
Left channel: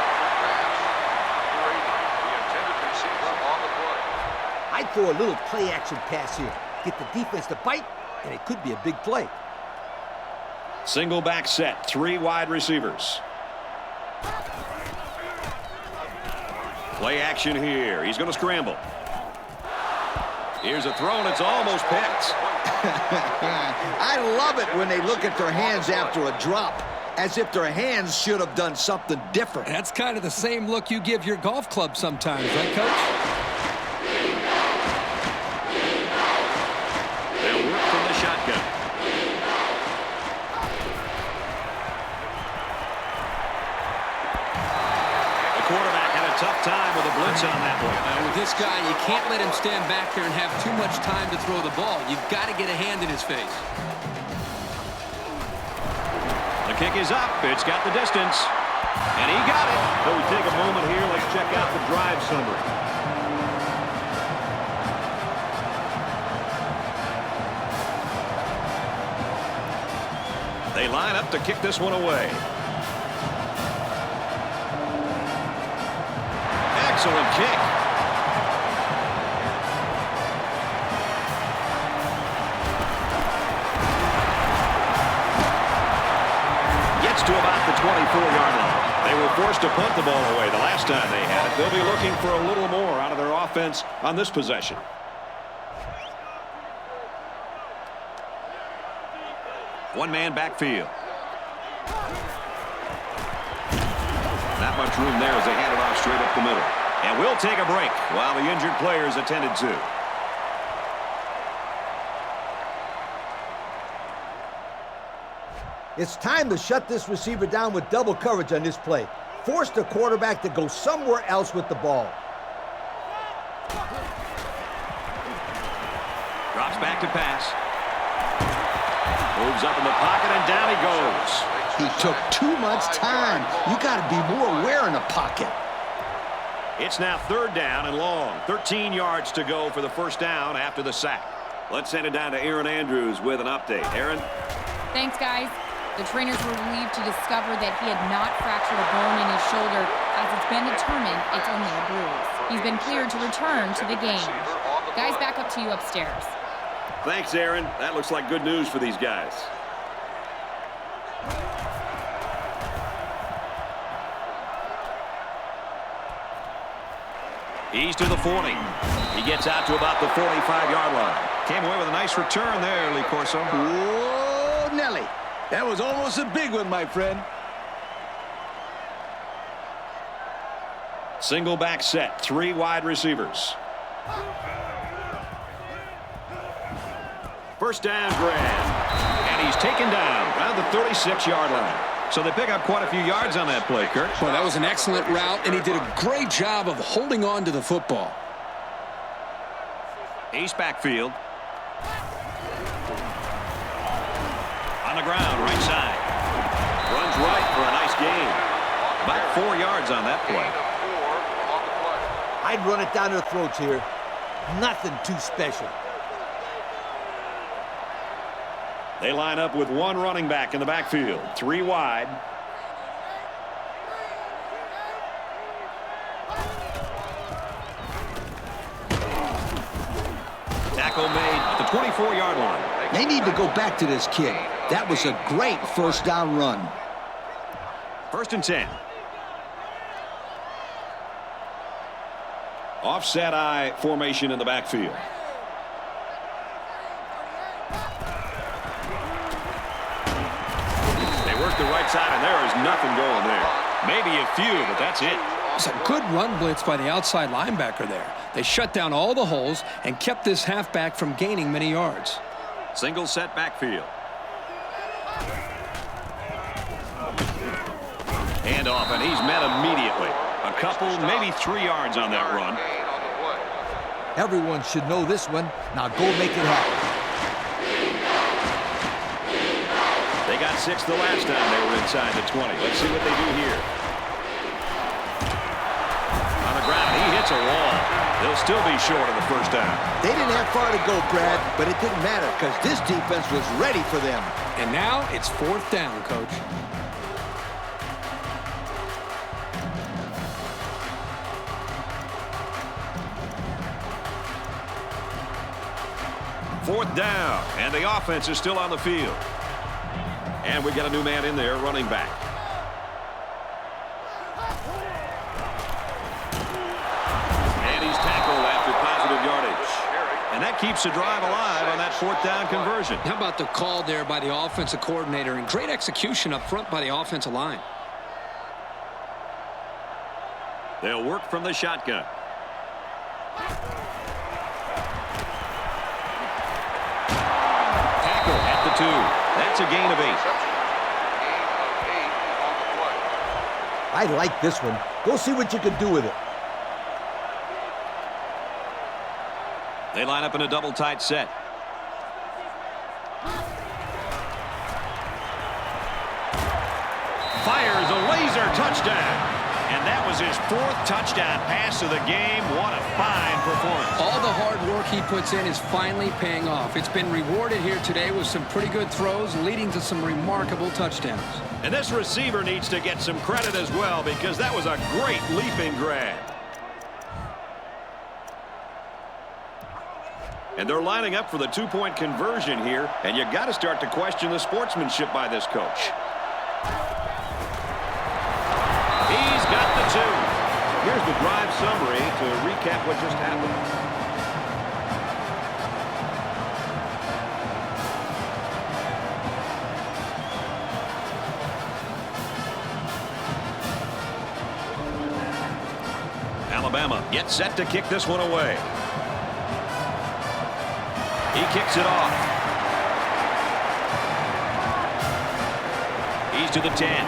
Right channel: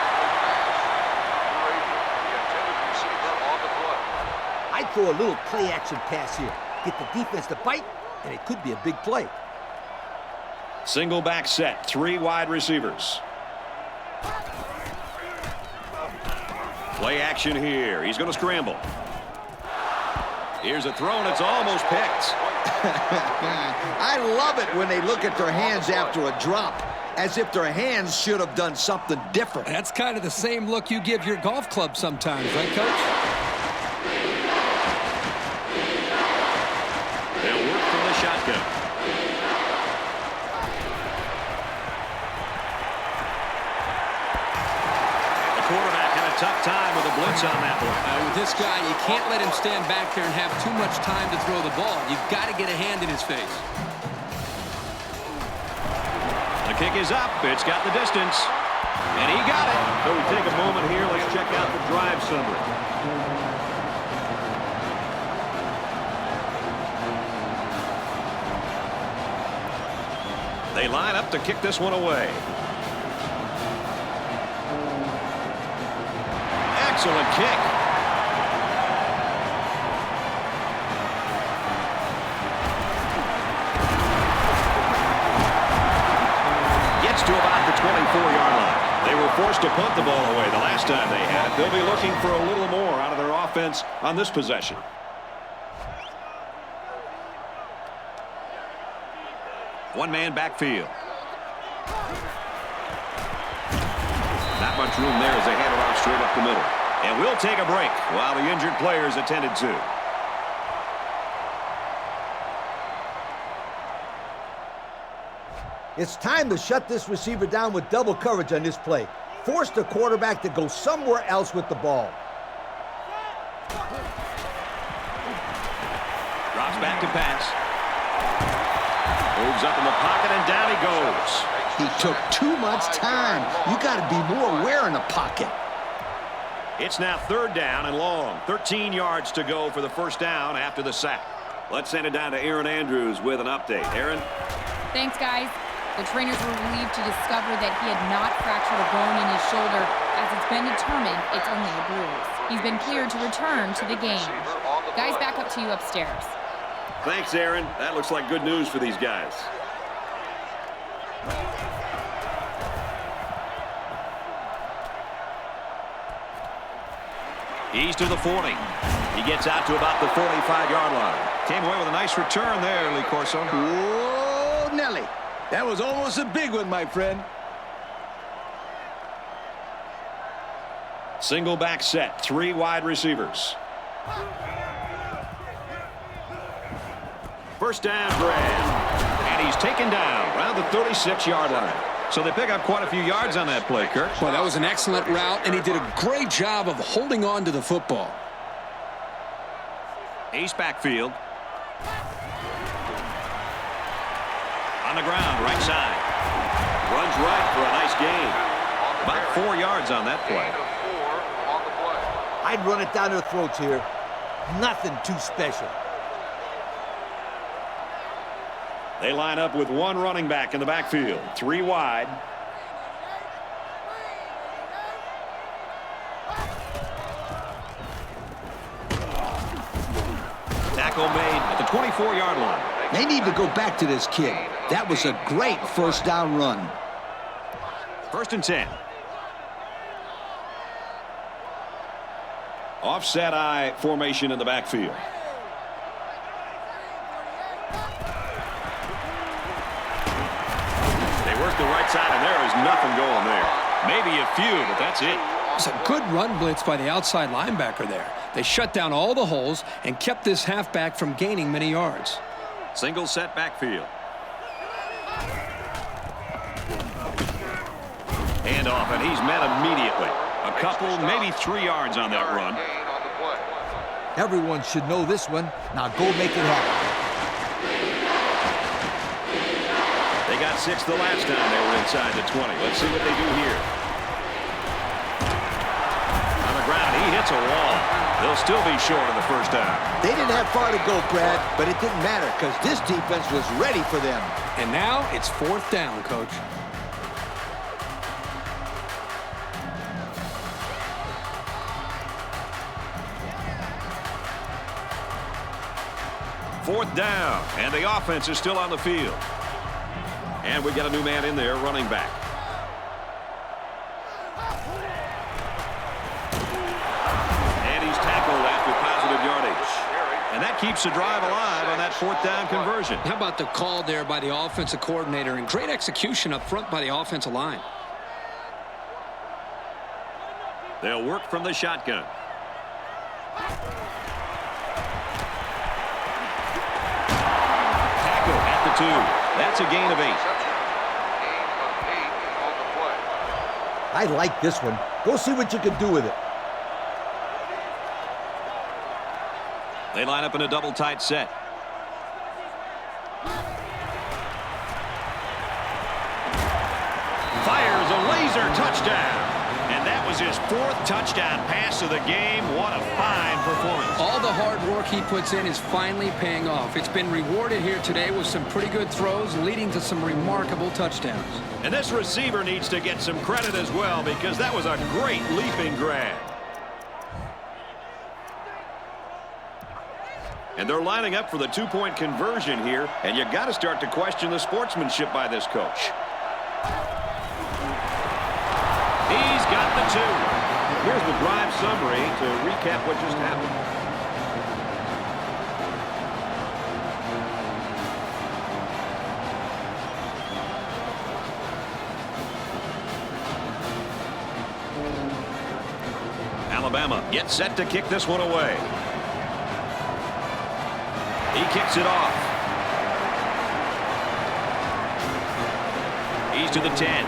I'd throw a little play-action pass here. Get the defense to bite, and it could be a big play. Single back set, 3 wide receivers. Play action here. He's going to scramble. Here's a throw, and it's almost picked. I love it when they look at their hands after a drop, as if their hands should have done something different. That's kind of the same look you give your golf club sometimes, right, Coach? They'll work from the shotgun. The quarterback had a tough time with a blitz on that one. With this guy, you can't let him stand back there and have too much time to throw the ball. You've got to get a hand in his face. The kick is up. It's got the distance. And he got it. So we take a moment here. Let's check out the drive summary. They line up to kick this one away. Excellent kick. Gets to about the 24-yard line. They were forced to punt the ball away the last time they had it. They'll be looking for a little more out of their offense on this possession. One-man backfield. Not much room there as they hand it off straight up the middle. And we'll take a break while the injured players attended to. It's time to shut this receiver down with double coverage on this play. Force the quarterback to go somewhere else with the ball. Drops back to pass. Moves up in the pocket, and down he goes. He took too much time. You got to be more aware in the pocket. It's now 3rd down and long. 13 yards to go for the first down after the sack. Let's send it down to Aaron Andrews with an update. Aaron? Thanks, guys. The trainers were relieved to discover that he had not fractured a bone in his shoulder. As it's been determined, it's only a bruise. He's been cleared to return to the game. Guys, back up to you upstairs. Thanks, Aaron. That looks like good news for these guys. He's to the 40. He gets out to about the 45-yard line. Came away with a nice return there, Lee Corso. Whoa, Nelly. That was almost a big one, my friend. Single back set, 3 wide receivers. First down grab. And he's taken down around the 36-yard line. So they pick up quite a few yards on that play, Kurt. Well, that was an excellent route, and he did a great job of holding on to the football. Ace backfield. On the ground, right side. Runs right for a nice gain. About 4 yards on that play. I'd run it down their throats here. Nothing too special. They line up with one running back in the backfield. 3 wide. Tackle made at the 24-yard line. They need to go back to this kid. That was a great first down run. 1st and 10. Offset I formation in the backfield. They work the right side, and there is nothing going there. Maybe a few, but that's it. It's a good run blitz by the outside linebacker there. They shut down all the holes and kept this halfback from gaining many yards. Single set backfield. Handoff, and he's met immediately. A couple, maybe 3 yards on that run. Everyone should know this one. Now go make it happen. They got 6 the last time they were inside the 20. Let's see what they do here. On the ground, he hits a wall. They'll still be short of the first down. They didn't have far to go, Brad, but it didn't matter because this defense was ready for them. And now it's 4th down, Coach. Fourth down, and the offense is still on the field. And we got a new man in there, running back. And he's tackled after positive yardage. And that keeps the drive alive on that 4th down conversion. How about the call there by the offensive coordinator and great execution up front by the offensive line. They'll work from the shotgun. Tackle at the 2. That's a gain of 8. I like this one. Go see what you can do with it. They line up in a double tight set. Fires a laser touchdown. And that was his 4th touchdown pass of the game. What a fine performance. All the hard work he puts in is finally paying off. It's been rewarded here today with some pretty good throws, leading to some remarkable touchdowns. And this receiver needs to get some credit as well, because that was a great leaping grab. And they're lining up for the 2-point conversion here, and you got to start to question the sportsmanship by this coach. He's got the 2. Here's the drive summary to recap what just happened. Alabama gets set to kick this one away. He kicks it off. He's to the 10.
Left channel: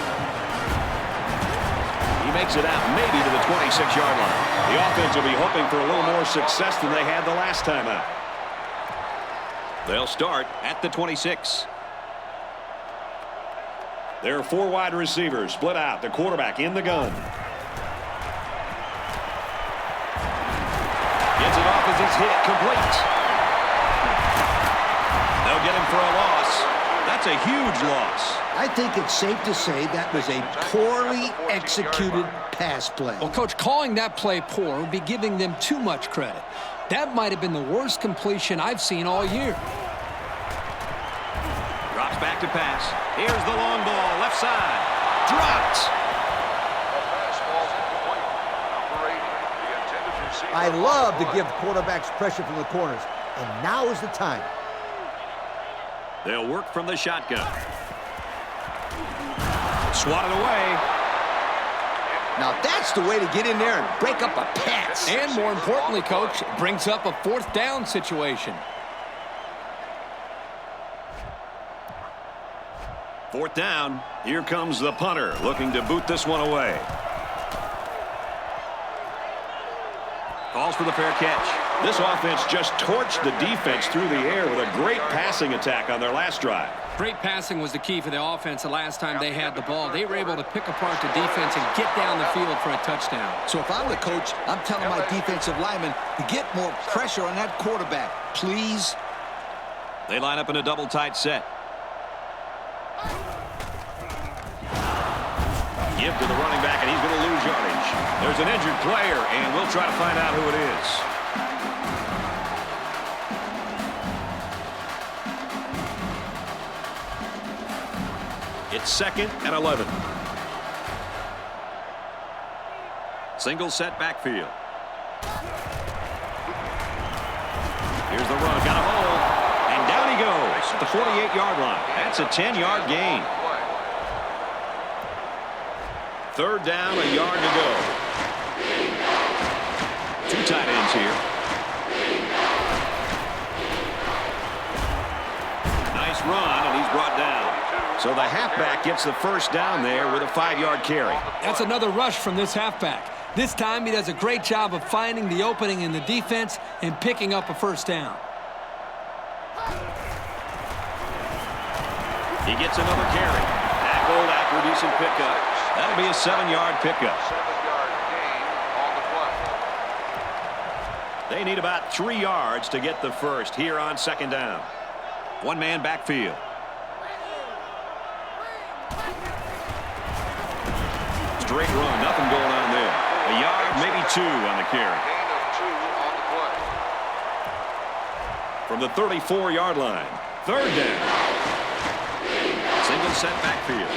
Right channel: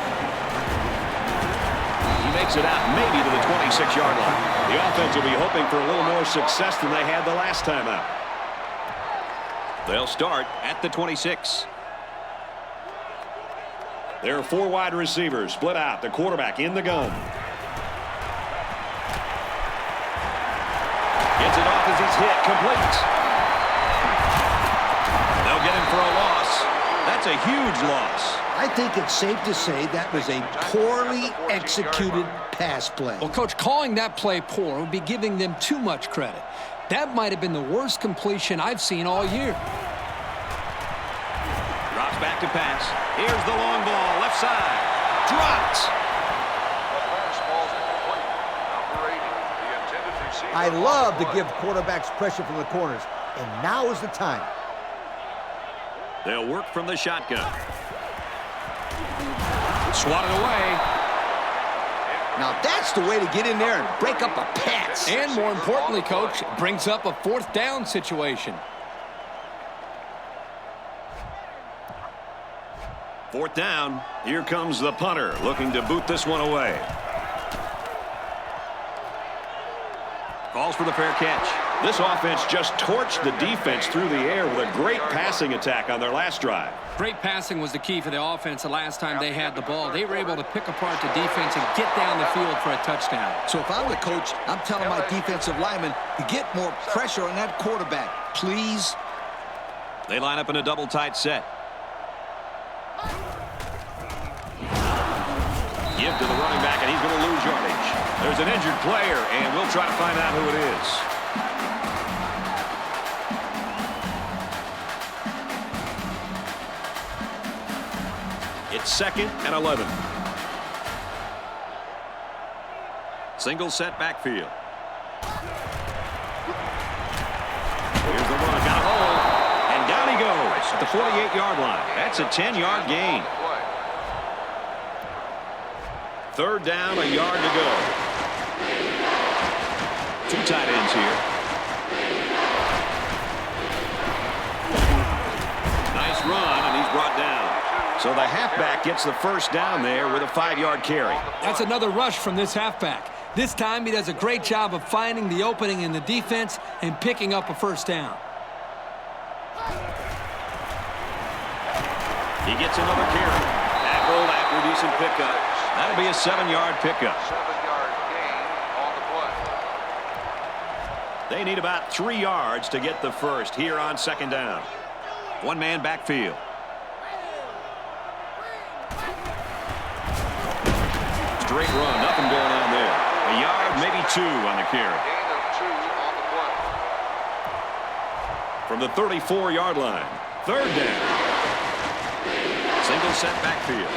He makes it out maybe to the 26-yard line. The offense will be hoping for a little more success than they had the last time out. They'll start at the 26. There are 4 wide receivers split out. The quarterback in the gun. Gets it off as he's hit. Complete. They'll get him for a loss. That's a huge loss. I think it's safe to say that was a poorly executed pass play. Well, Coach, calling that play poor would be giving them too much credit. That might have been the worst completion I've seen all year. Drops back to pass. Here's the long ball, left side. Dropped. I love to give quarterbacks pressure from the corners, and now is the time. They'll work from the shotgun. Swatted away. Now that's the way to get in there and break up a pass. And more importantly, Coach, it brings up a 4th down situation. 4th down. Here comes the punter looking to boot this one away. Calls for the fair catch. This offense just torched the defense through the air with a great passing attack on their last drive. Great passing was the key for the offense the last time they had the ball. They were able to pick apart the defense and get down the field for a touchdown. So if I'm the coach, I'm telling my defensive linemen to get more pressure on that quarterback, please. They line up in a double tight set. Give to the running back, and he's going to lose yardage. There's an injured player, and we'll try to find out who it is. It's 2nd and 11. Single set backfield. Here's the run. Got a hole. And down he goes at the 48-yard line. That's a 10-yard gain. 3rd down, a yard to go. 2 tight ends here. Nice run, and he's brought down. So the halfback gets the 1st down there with a 5-yard carry. That's another rush from this halfback. This time he does a great job of finding the opening in the defense and picking up a 1st down. He gets another carry. Tackled after a decent pickup. That'll be a 7-yard pickup. 7-yard gain on the play. They need about 3 yards to get the 1st here on 2nd down. 1-man backfield. Straight run, nothing going on there. A yard, maybe 2 on the carry. Gain of 2 on the play. From the 34-yard line. 3rd down. Single set backfield.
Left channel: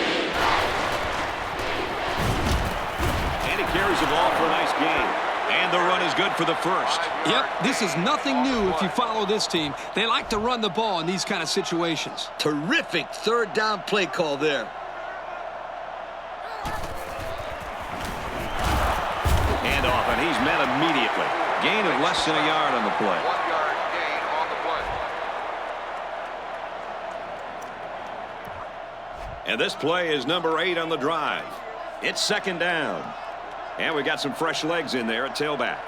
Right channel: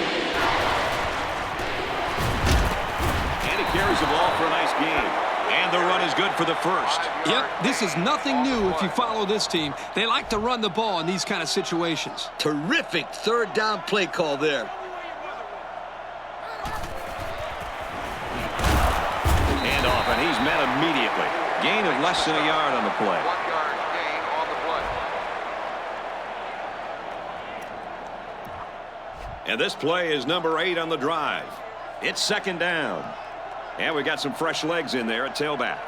And he carries the ball for a nice gain. And the run is good for the 1st. Yep, this is nothing new if you follow this team. They like to run the ball in these kind of situations. Terrific 3rd down play call there. Hand off, and he's met immediately. Gain of less than a yard on the play. 1-yard gain on the play. And this play is number 8 on the drive. It's 2nd down. And we got some fresh legs in there at tailback.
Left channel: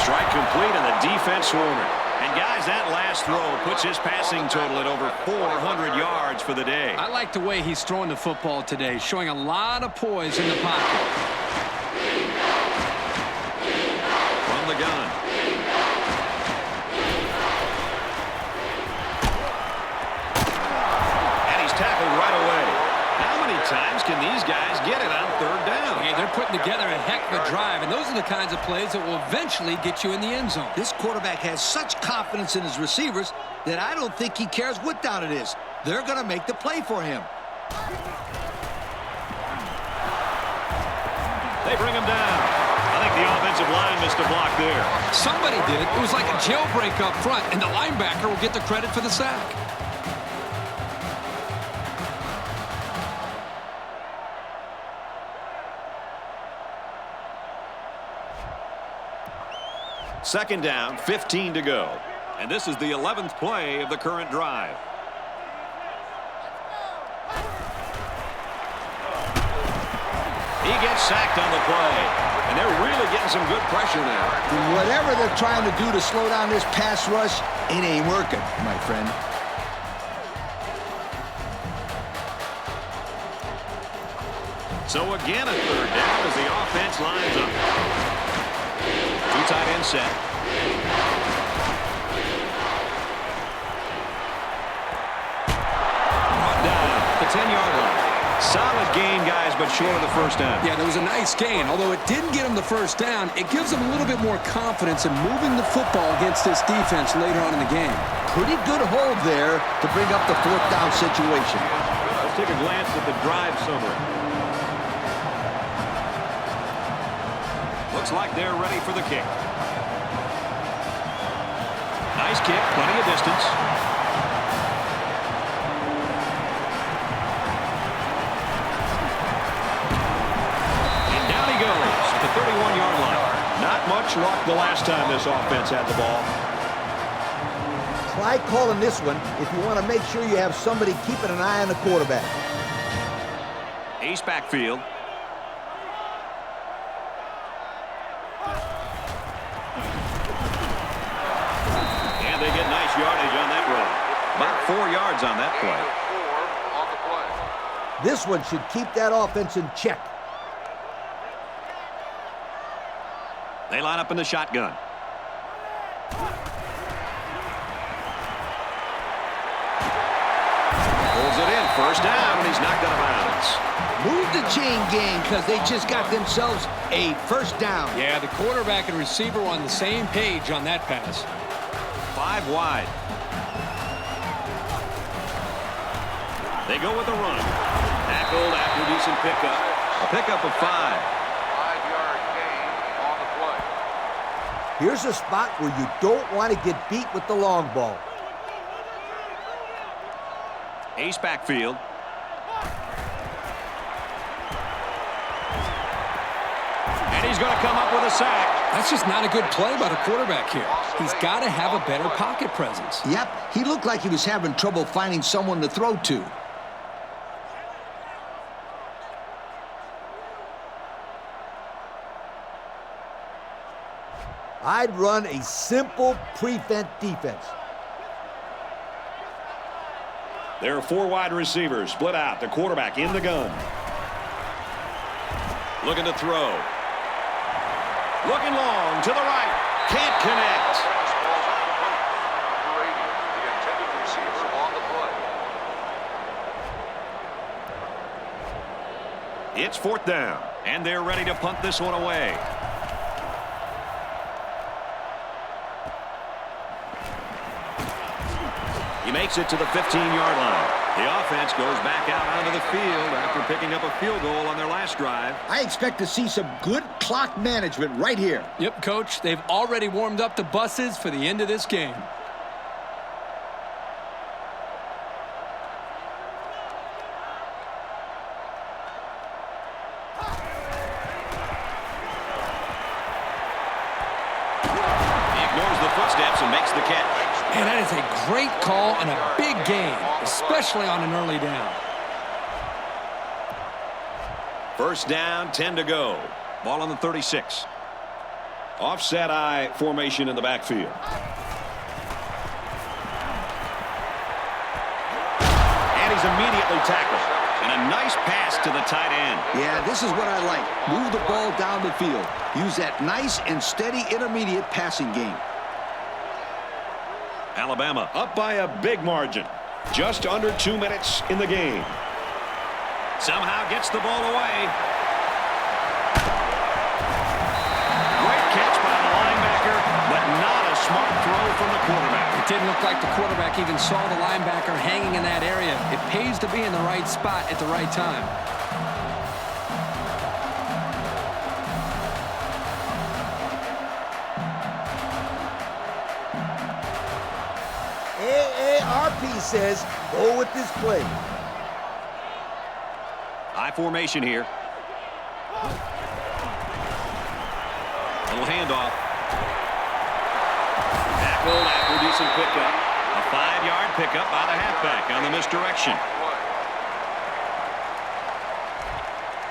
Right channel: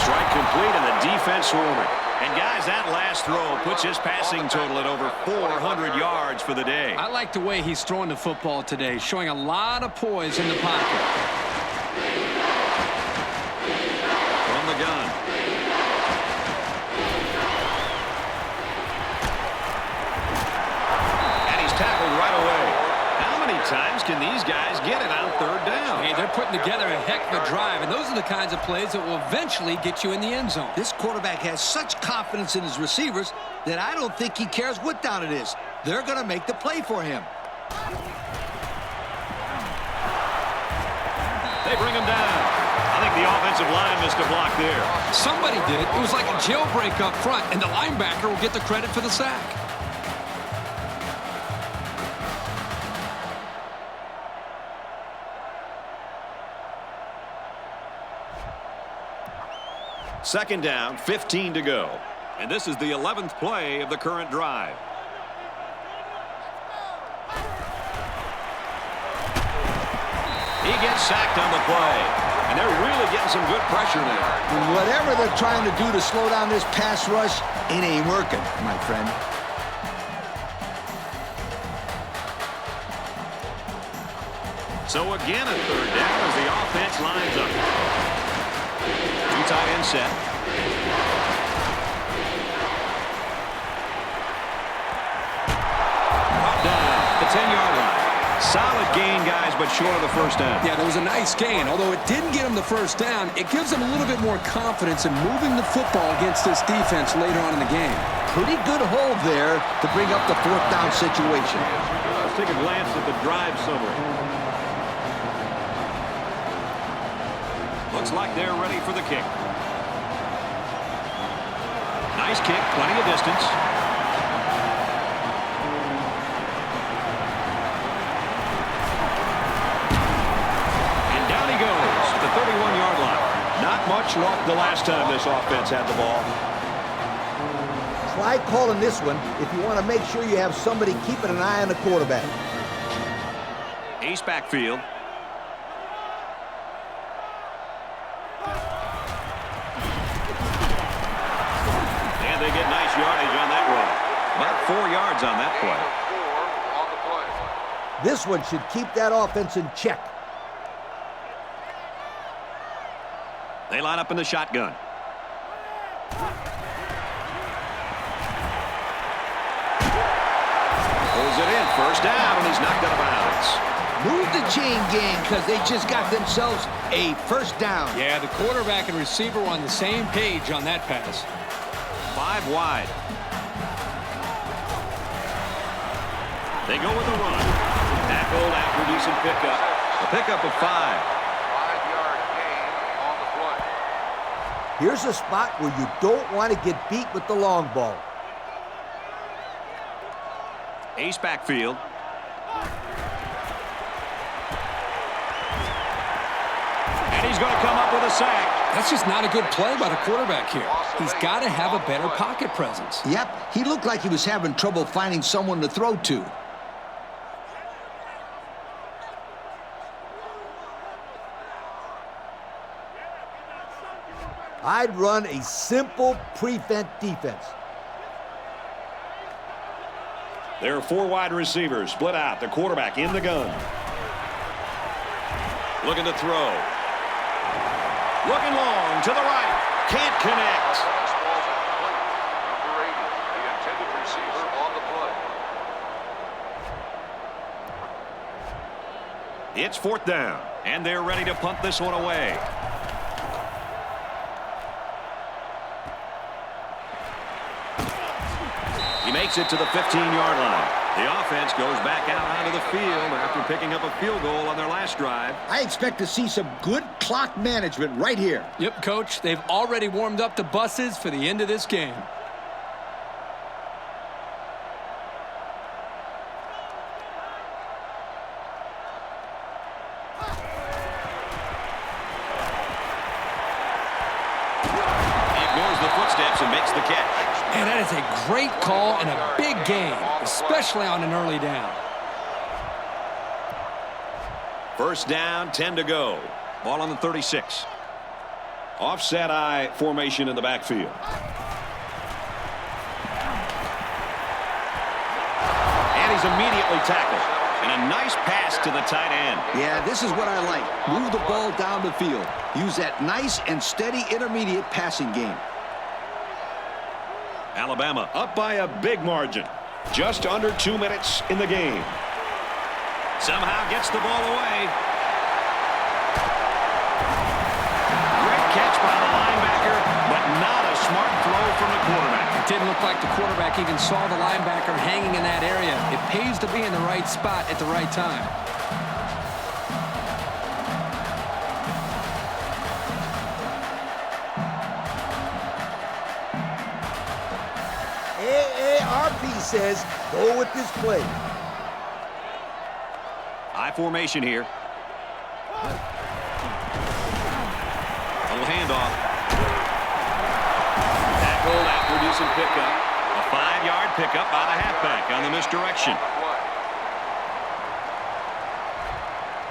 Strike complete, and the defense swarming. And, guys, that last throw puts his passing total at over 400 yards for the day. I like the way he's throwing the football today, showing a lot of poise in the pocket. From the gun. And he's tackled right away. How many times can these guys get it on 3rd down? Hey, they're putting together a heck of a drive, and those are the kinds of plays that will eventually get you in the end zone. This quarterback has such confidence in his receivers that I don't think he cares what down it is. They're going to make the play for him. They bring him down. I think the offensive line missed a block there. Somebody did. It was like a jailbreak up front, and the linebacker will get the credit for the sack. Second down, 15 to go. And this is the 11th play of the current drive. He gets sacked on the play. And they're really getting some good pressure now. And whatever they're trying to do to slow down this pass rush, it ain't working, my friend. So again, a 3rd down as the offense lines up. 2 tight end set. Brought down at the 10-yard line. Solid gain, guys, but short of the 1st down. Yeah, that was a nice gain. Although it didn't get him the 1st down, it gives him a little bit more confidence in moving the football against this defense later on in the game. Pretty good hold there to bring up the 4th down situation. Let's take a glance at the drive summary. Looks like they're ready for the kick. Nice kick, plenty of distance. And down he goes at the 31-yard line. Not much luck the last time this offense had the ball. Try calling this one if you want to make sure you have somebody keeping an eye on the quarterback. Ace backfield. And they get nice yardage on that run. About 4 yards on that play. 4 on the play. This one should keep that offense in check. They line up in the shotgun. Pulls it in, first down, and he's knocked out of bounds. Move the chain gang because they just got themselves a first down. Yeah, the quarterback and receiver were on the same page on that pass. 5 wide. They go with the run. Tackled after a decent pickup. A pickup of 5. 5-yard gain on the play. Here's a spot where you don't want to get beat with the long ball. Ace backfield. And he's going to come up with a sack. That's just not a good play by the quarterback here. He's got to have a better pocket presence. Yep, he looked like he was having trouble finding someone to throw to. I'd run a simple prevent defense. There are 4 wide receivers split out. The quarterback in the gun. Looking to throw. Looking long to the right. Can't connect. Pass falls incomplete. Number 80, the intended receiver on the play. It's 4th down, and they're ready to punt this one away. He makes it to the 15-yard line. The offense goes back out onto the field after picking up a field goal on their last drive. I expect to see some good clock management right here. Yep, Coach. They've already warmed up the buses for the end of this game. He ignores the footsteps and makes the catch. And that is a great call and a big gain, especially on an early down. First down, 10 to go. Ball on the 36. Offset I formation in the backfield. And he's immediately tackled. And a nice pass to the tight end. Yeah, this is what I like. Move the ball down the field. Use that nice and steady intermediate passing game. Alabama up by a big margin. Just under 2 minutes in the game. Somehow gets the ball away. Great catch by the linebacker, but not a smart throw from the quarterback. It didn't look like the quarterback even saw the linebacker hanging in that area. It pays to be in the right spot at the right time. AARP says go with this play. I formation here. Little handoff. Tackled after a decent pickup. A 5-yard pickup by the halfback on the misdirection.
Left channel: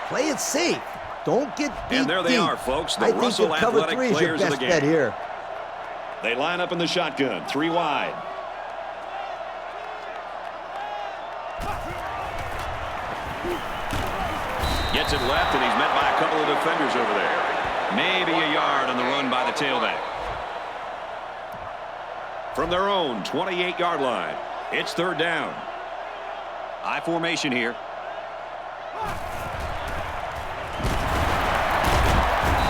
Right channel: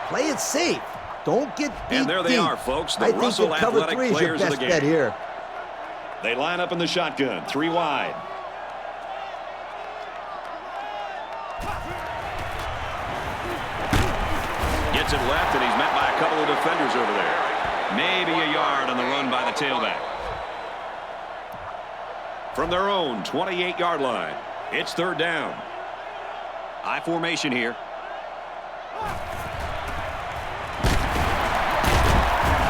Play it safe. Don't get beat. And there they deep. are, folks. The I think Russell that cover Athletic 3 is your players of the best bet game. here. They line up in the shotgun, 3 wide. Gets it left, and he's met by a couple of defenders over there. Maybe a yard on the run by the tailback. From their own 28-yard line, it's 3rd down. I formation here.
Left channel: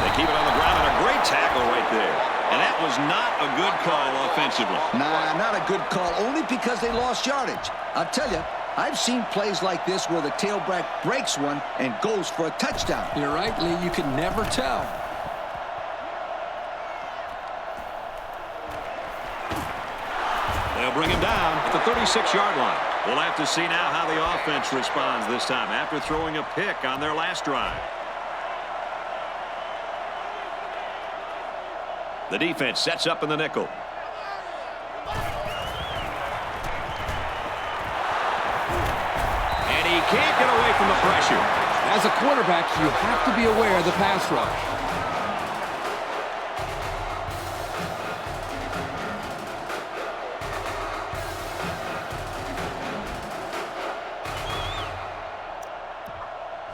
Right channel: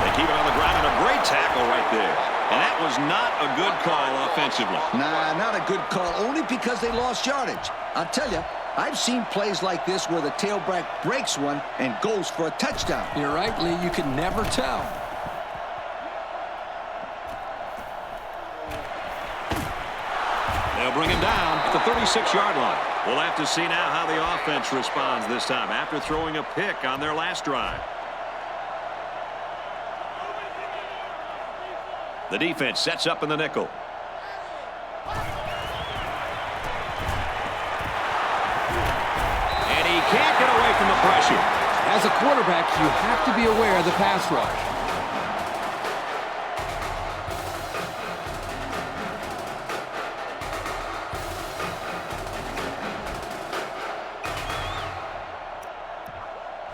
They keep it on the ground, and a great tackle right there. And that was not a good call offensively. Nah, not a good call, only because they lost yardage. I'll tell you, I've seen plays like this where the tailback breaks one and goes for a touchdown. You're right, Lee. You can never tell. They'll bring him down at the 36-yard line. We'll have to see now how the offense responds this time after throwing a pick on their last drive. The defense sets up in the nickel. And he can't get away from the pressure. As a quarterback, you have to be aware of the pass rush.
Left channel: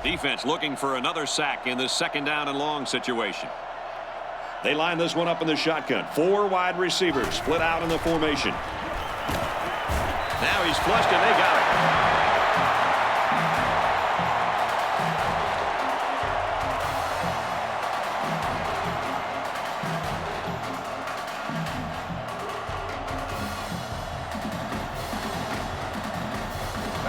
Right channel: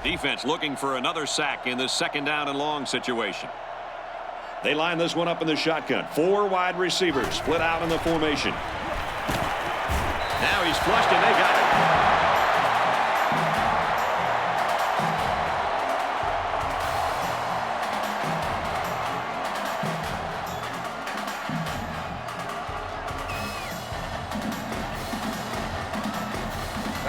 Defense looking for another sack in this second down and long situation. They line this one up in the shotgun. 4 wide receivers split out in the formation. Now he's flushed and they got him.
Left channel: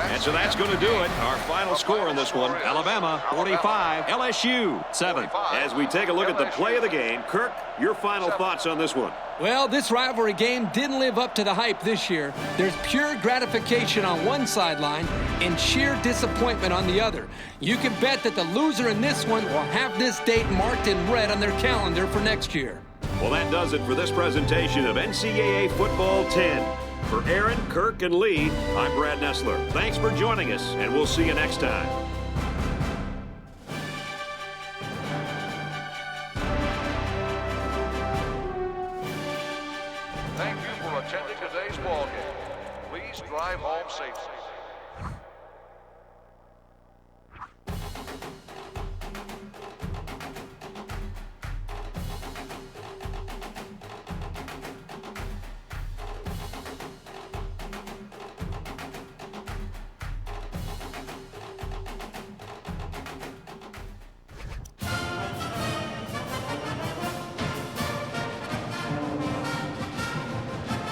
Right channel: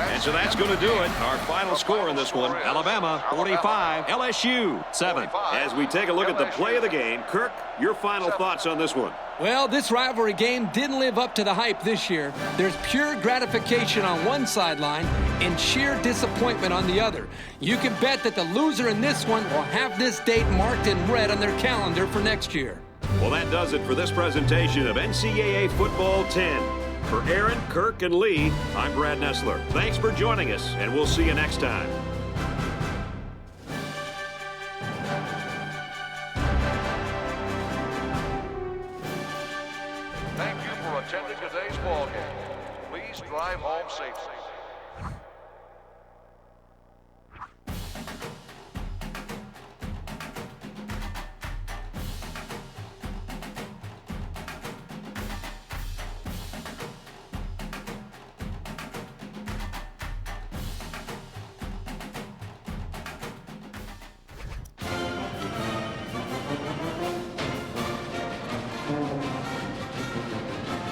And so that's going to do it. Our final score in this one, Alabama 45, LSU 7. As we take a look at the play of the game, Kirk, your final thoughts on this one. Well, this rivalry game didn't live up to the hype this year. There's pure gratification on one sideline and sheer disappointment on the other. You can bet that the loser in this one will have this date marked in red on their calendar for next year. Well, that does it for this presentation of NCAA Football 10. For Aaron, Kirk, and Lee, I'm Brad Nessler. Thanks for joining us, and we'll see you next time. Thank you for attending today's ball game. Please drive home safely.